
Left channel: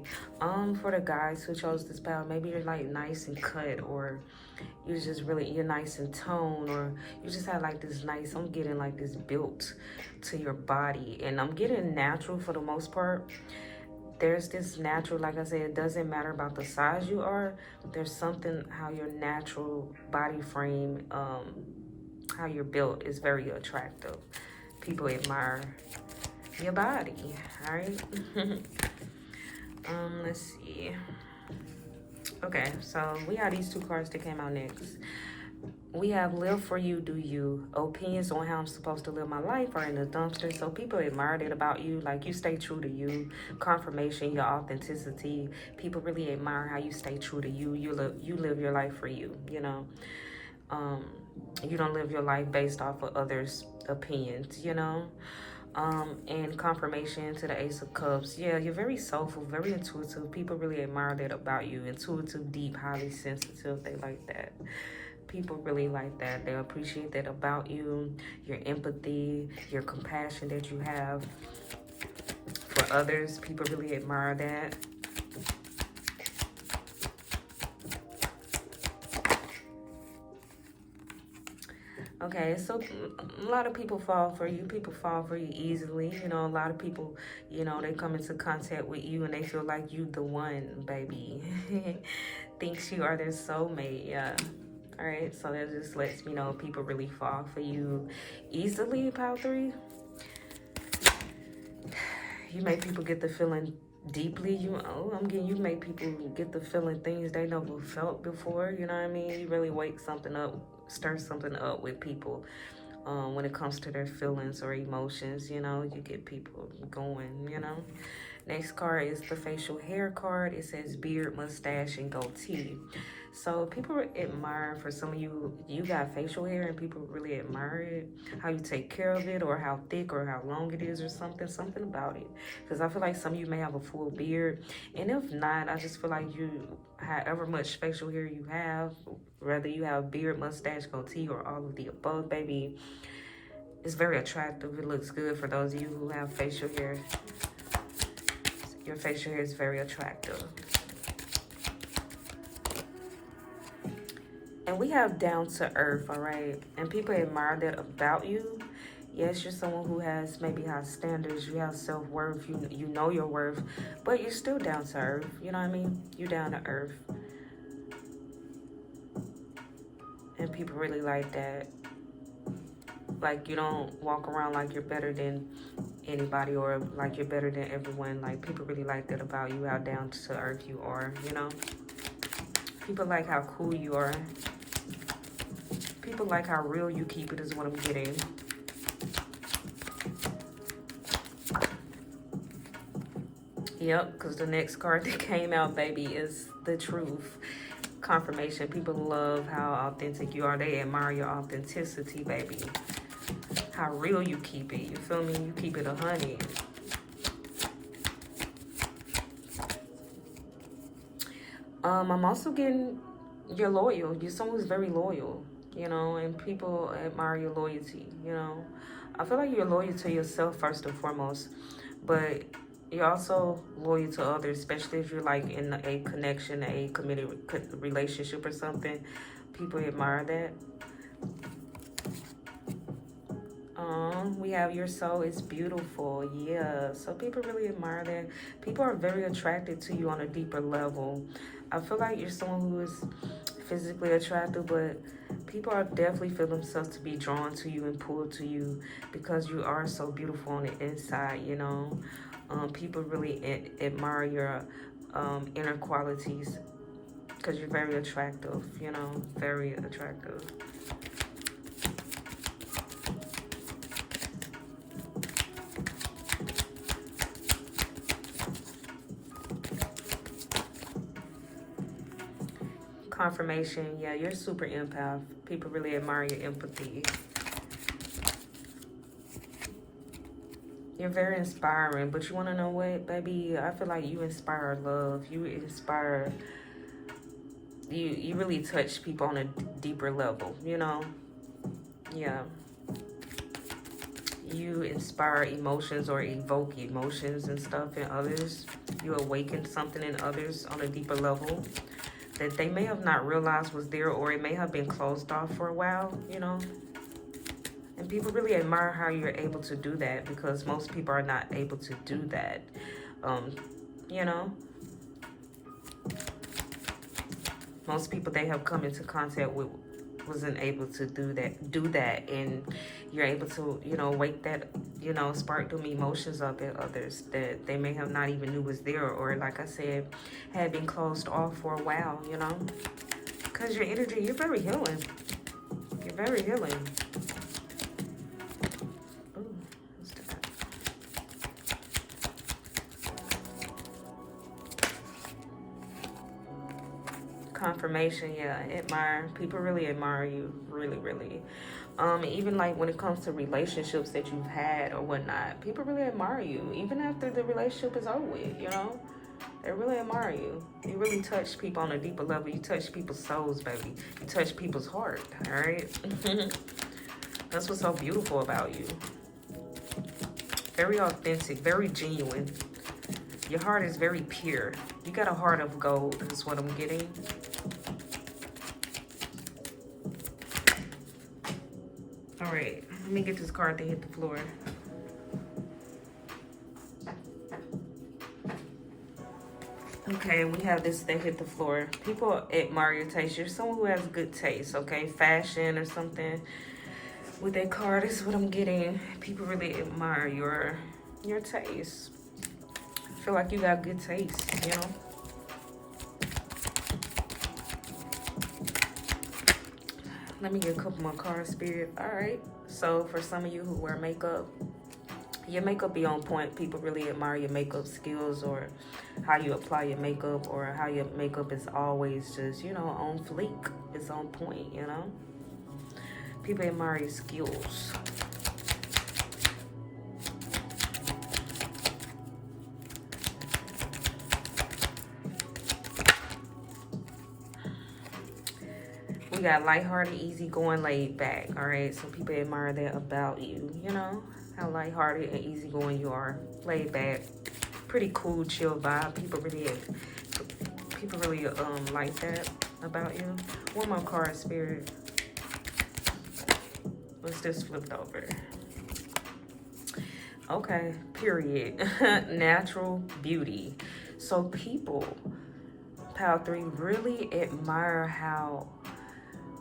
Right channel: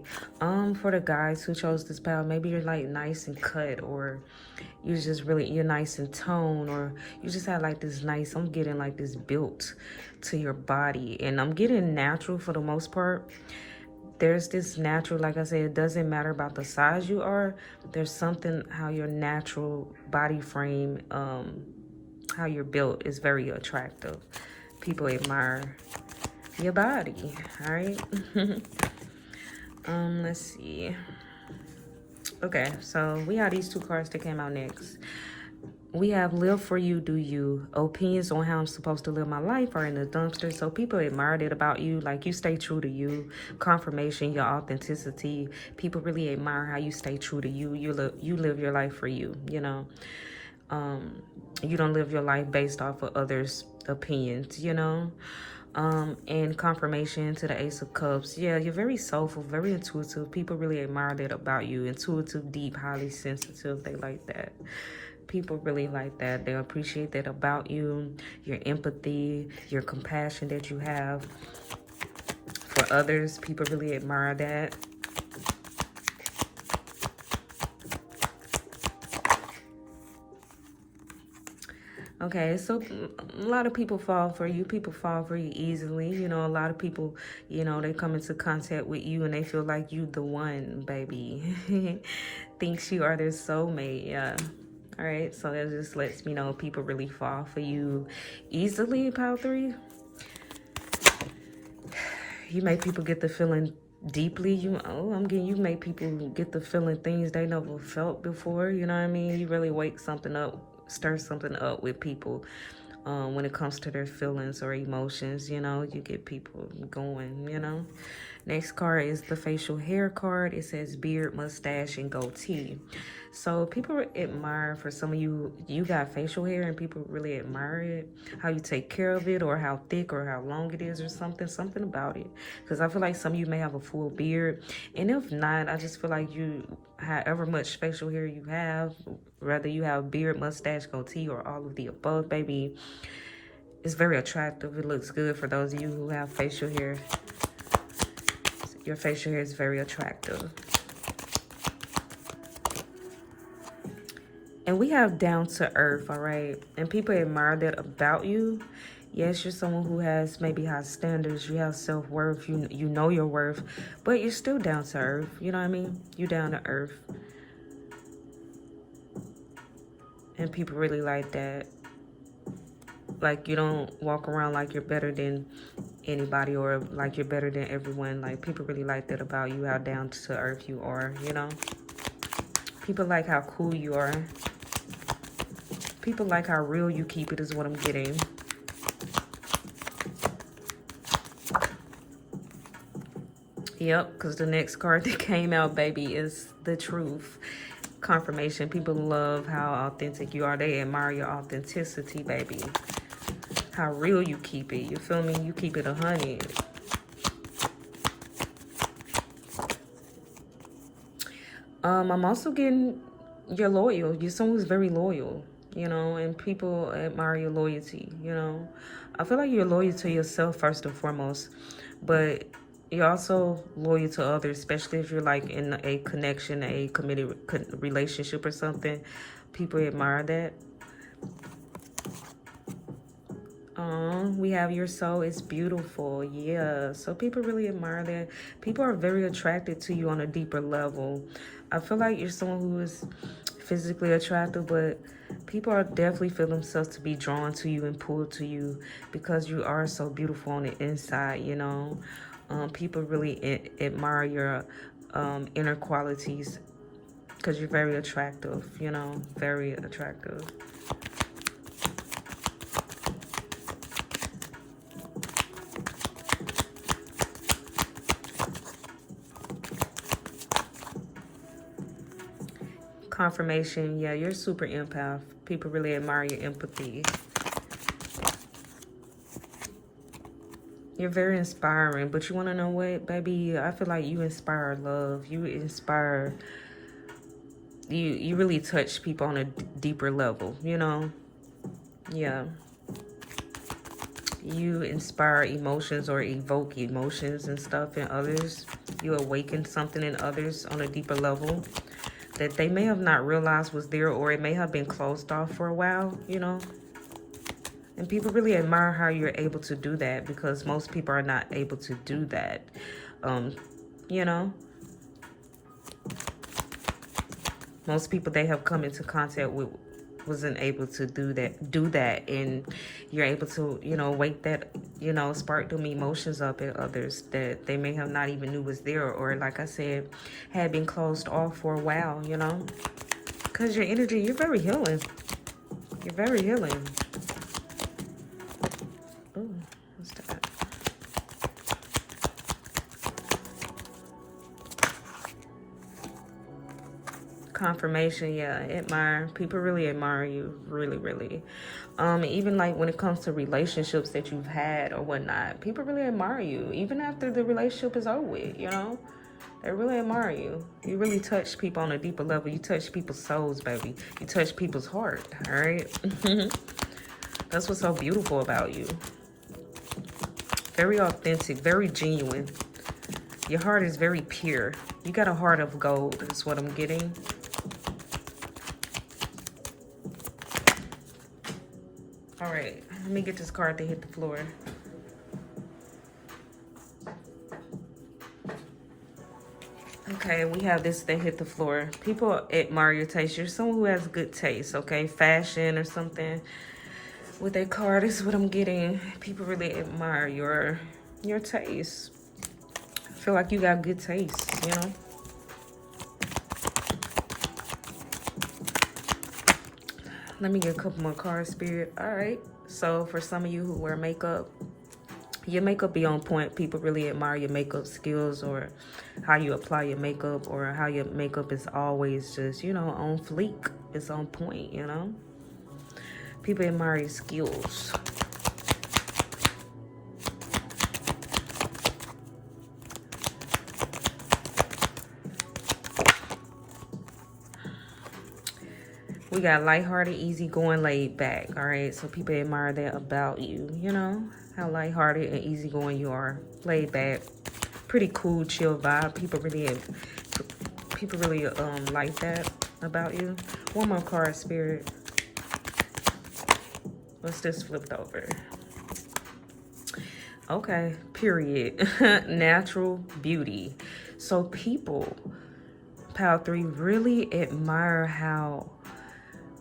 for the guys who chose this pile, maybe you're like nice and cut, or you're nice in tone, or you just have like this nice, I'm getting like this built to your body, and I'm getting natural for the most part. There's this natural, like I said, it doesn't matter about the size you are. There's something how your natural body frame, how you're built is very attractive. People admire your body, all right? Let's see. Okay, so we got these 2 cards that came out next. We have live for you, do you. Opinions on how I'm supposed to live my life are in the dumpster. So people admire that about you. Like, you stay true to you. Confirmation, your authenticity. People really admire how you stay true to you. You live your life for you, you know. You don't live your life based off of others' opinions, you know. And confirmation to the Ace of Cups. Yeah, you're very soulful, very intuitive. People really admire that about you. Intuitive, deep, highly sensitive. They like that. People really like that. They appreciate that about you. Your empathy, your compassion that you have for others. People really admire that. Okay, so a lot of people fall for you. People fall for you easily. You know, a lot of people, you know, they come into contact with you and they feel like you the one, baby. Thinks you are their soulmate, yeah. All right, so that just lets me know people really fall for you easily in pile 3. You make people get the feeling deeply. You make people get the feeling things they never felt before. You know what I mean? You really wake something up, stir something up with people when it comes to their feelings or emotions. You know, you get people going, you know. Next card is the facial hair card. It says beard, mustache, and goatee. So people admire, for some of you, you got facial hair and people really admire it, how you take care of it, or how thick or how long it is, or something about it. Because I feel like some of you may have a full beard, and if not, I just feel like you, however much facial hair you have, whether you have beard, mustache, goatee, or all of the above, baby, it's very attractive. It looks good for those of you who have facial hair. Your facial hair is very attractive. And we have down to earth, all right? And people admire that about you. Yes, you're someone who has maybe high standards, you have self-worth, you know your worth, but you're still down to earth. You know what I mean? You're down to earth. And people really like that. Like, you don't walk around like you're better than anybody, or like you're better than everyone. Like, people really like that about you, how down to earth you are, you know? People like how cool you are. People like how real you keep it, is what I'm getting. Yep, because the next card that came out, baby, is the truth. Confirmation. People love how authentic you are. They admire your authenticity, baby. How real you keep it. You feel me? You keep it 100. I'm also getting you're loyal. You're someone who's very loyal, you know, and people admire your loyalty, you know. I feel like you're loyal to yourself first and foremost, but you're also loyal to others, especially if you're like in a connection, a committed relationship or something. People admire that. We have your soul is beautiful. Yeah, so people really admire that. People are very attracted to you on a deeper level. I feel like you're someone who is physically attractive, but people are definitely feel themselves to be drawn to you and pulled to you because you are so beautiful on the inside, you know. People really admire your inner qualities because you're very attractive, you know, very attractive. Confirmation, yeah, you're super empath. People really admire your empathy. You're very inspiring, but you want to know what, baby? I feel like you inspire love. You inspire, you really touch people on a deeper level, you know? Yeah. You inspire emotions or evoke emotions and stuff in others. You awaken something in others on a deeper level that they may have not realized was there, or it may have been closed off for a while, you know? And people really admire how you're able to do that, because most people are not able to do that, you know? Most people they have come into contact with wasn't able to do that, and you're able to, you know, wake that, you know, spark them emotions up in others that they may have not even knew was there, or like I said, had been closed off for a while, you know, because your energy, you're very healing. You're very healing. Oh, what's that? Confirmation, yeah, admire. People really admire you, really, really. Even like when it comes to relationships that you've had or whatnot, people really admire you, even after the relationship is over with, you know? They really admire you. You really touch people on a deeper level. You touch people's souls, baby. You touch people's heart, all right? That's what's so beautiful about you. Very authentic, very genuine. Your heart is very pure. You got a heart of gold, that's what I'm getting. All right, let me get this card to hit the floor. Okay, we have this that hit the floor. People admire your taste. You're someone who has good taste, okay? Fashion or something. With that card, this is what I'm getting. People really admire your taste. I feel like you got good taste, you know? Let me get a couple more cards, Spirit. All right. So for some of you who wear makeup, Your makeup be on point. People really admire your makeup skills, or how you apply your makeup, or how your makeup is always just, you know, on fleek. It's on point, you know. People admire your skills. We got lighthearted, easygoing, laid back. All right, so people admire that about you. You know how lighthearted and easygoing you are, laid back, pretty cool, chill vibe. People really like that about you. One more card, Spirit. Let's just flip it over. Okay, period. Natural beauty. So people, Pile 3, really admire how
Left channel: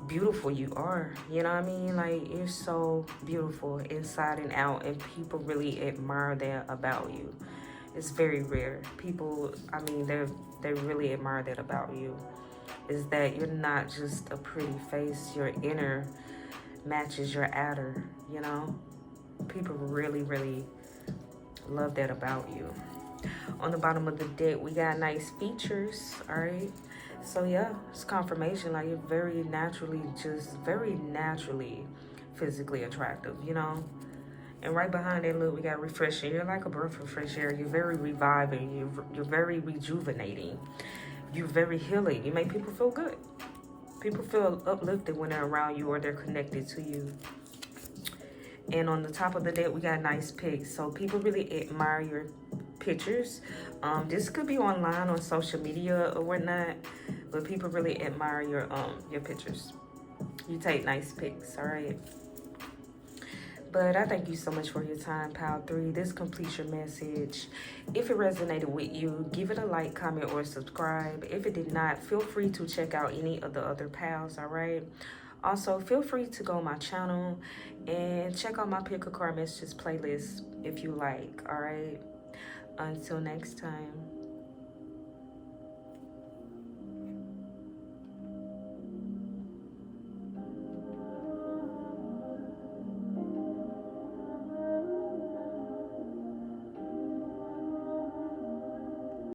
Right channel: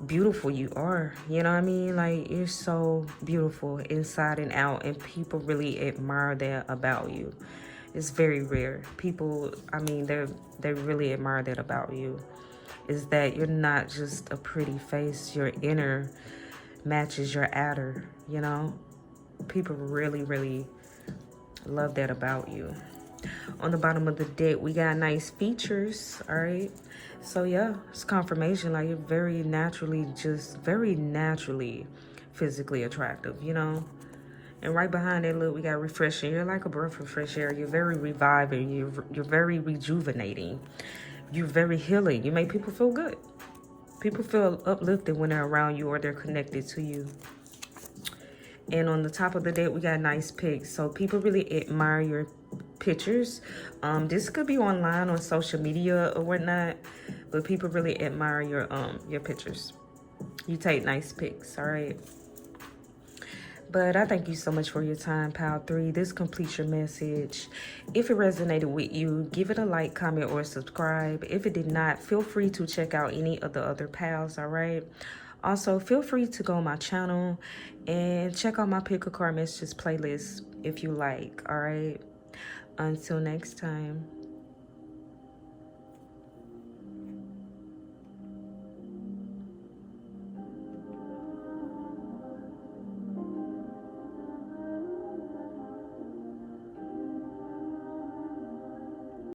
beautiful you are. You know what I mean? Like, you're so beautiful inside and out, and people really admire that about you. It's very rare. People, I mean, they really admire that about you. Is that you're not just a pretty face. Your inner matches your outer, you know? People really, really love that about you. On the bottom of the deck, we got nice features, all right? So yeah, it's confirmation. Like, you're very naturally physically attractive, you know? And right behind that, look, we got refreshing. You're like a breath of fresh air. You're very reviving. You're very rejuvenating. You're very healing. You make people feel good. People feel uplifted when they're around you or they're connected to you. And on the top of the deck, we got nice pics. So people really admire your pictures. This could be online on social media or whatnot, but people really admire your pictures. You take nice pics, all right? But I thank you so much for your time, Pile 3. This completes your message. If it resonated with you, give it a like, comment, or subscribe. If it did not, feel free to check out any of the other piles, all right? Also, feel free to go on my channel and check out my Pick a Card Messages playlist if you like, all right? Until next time.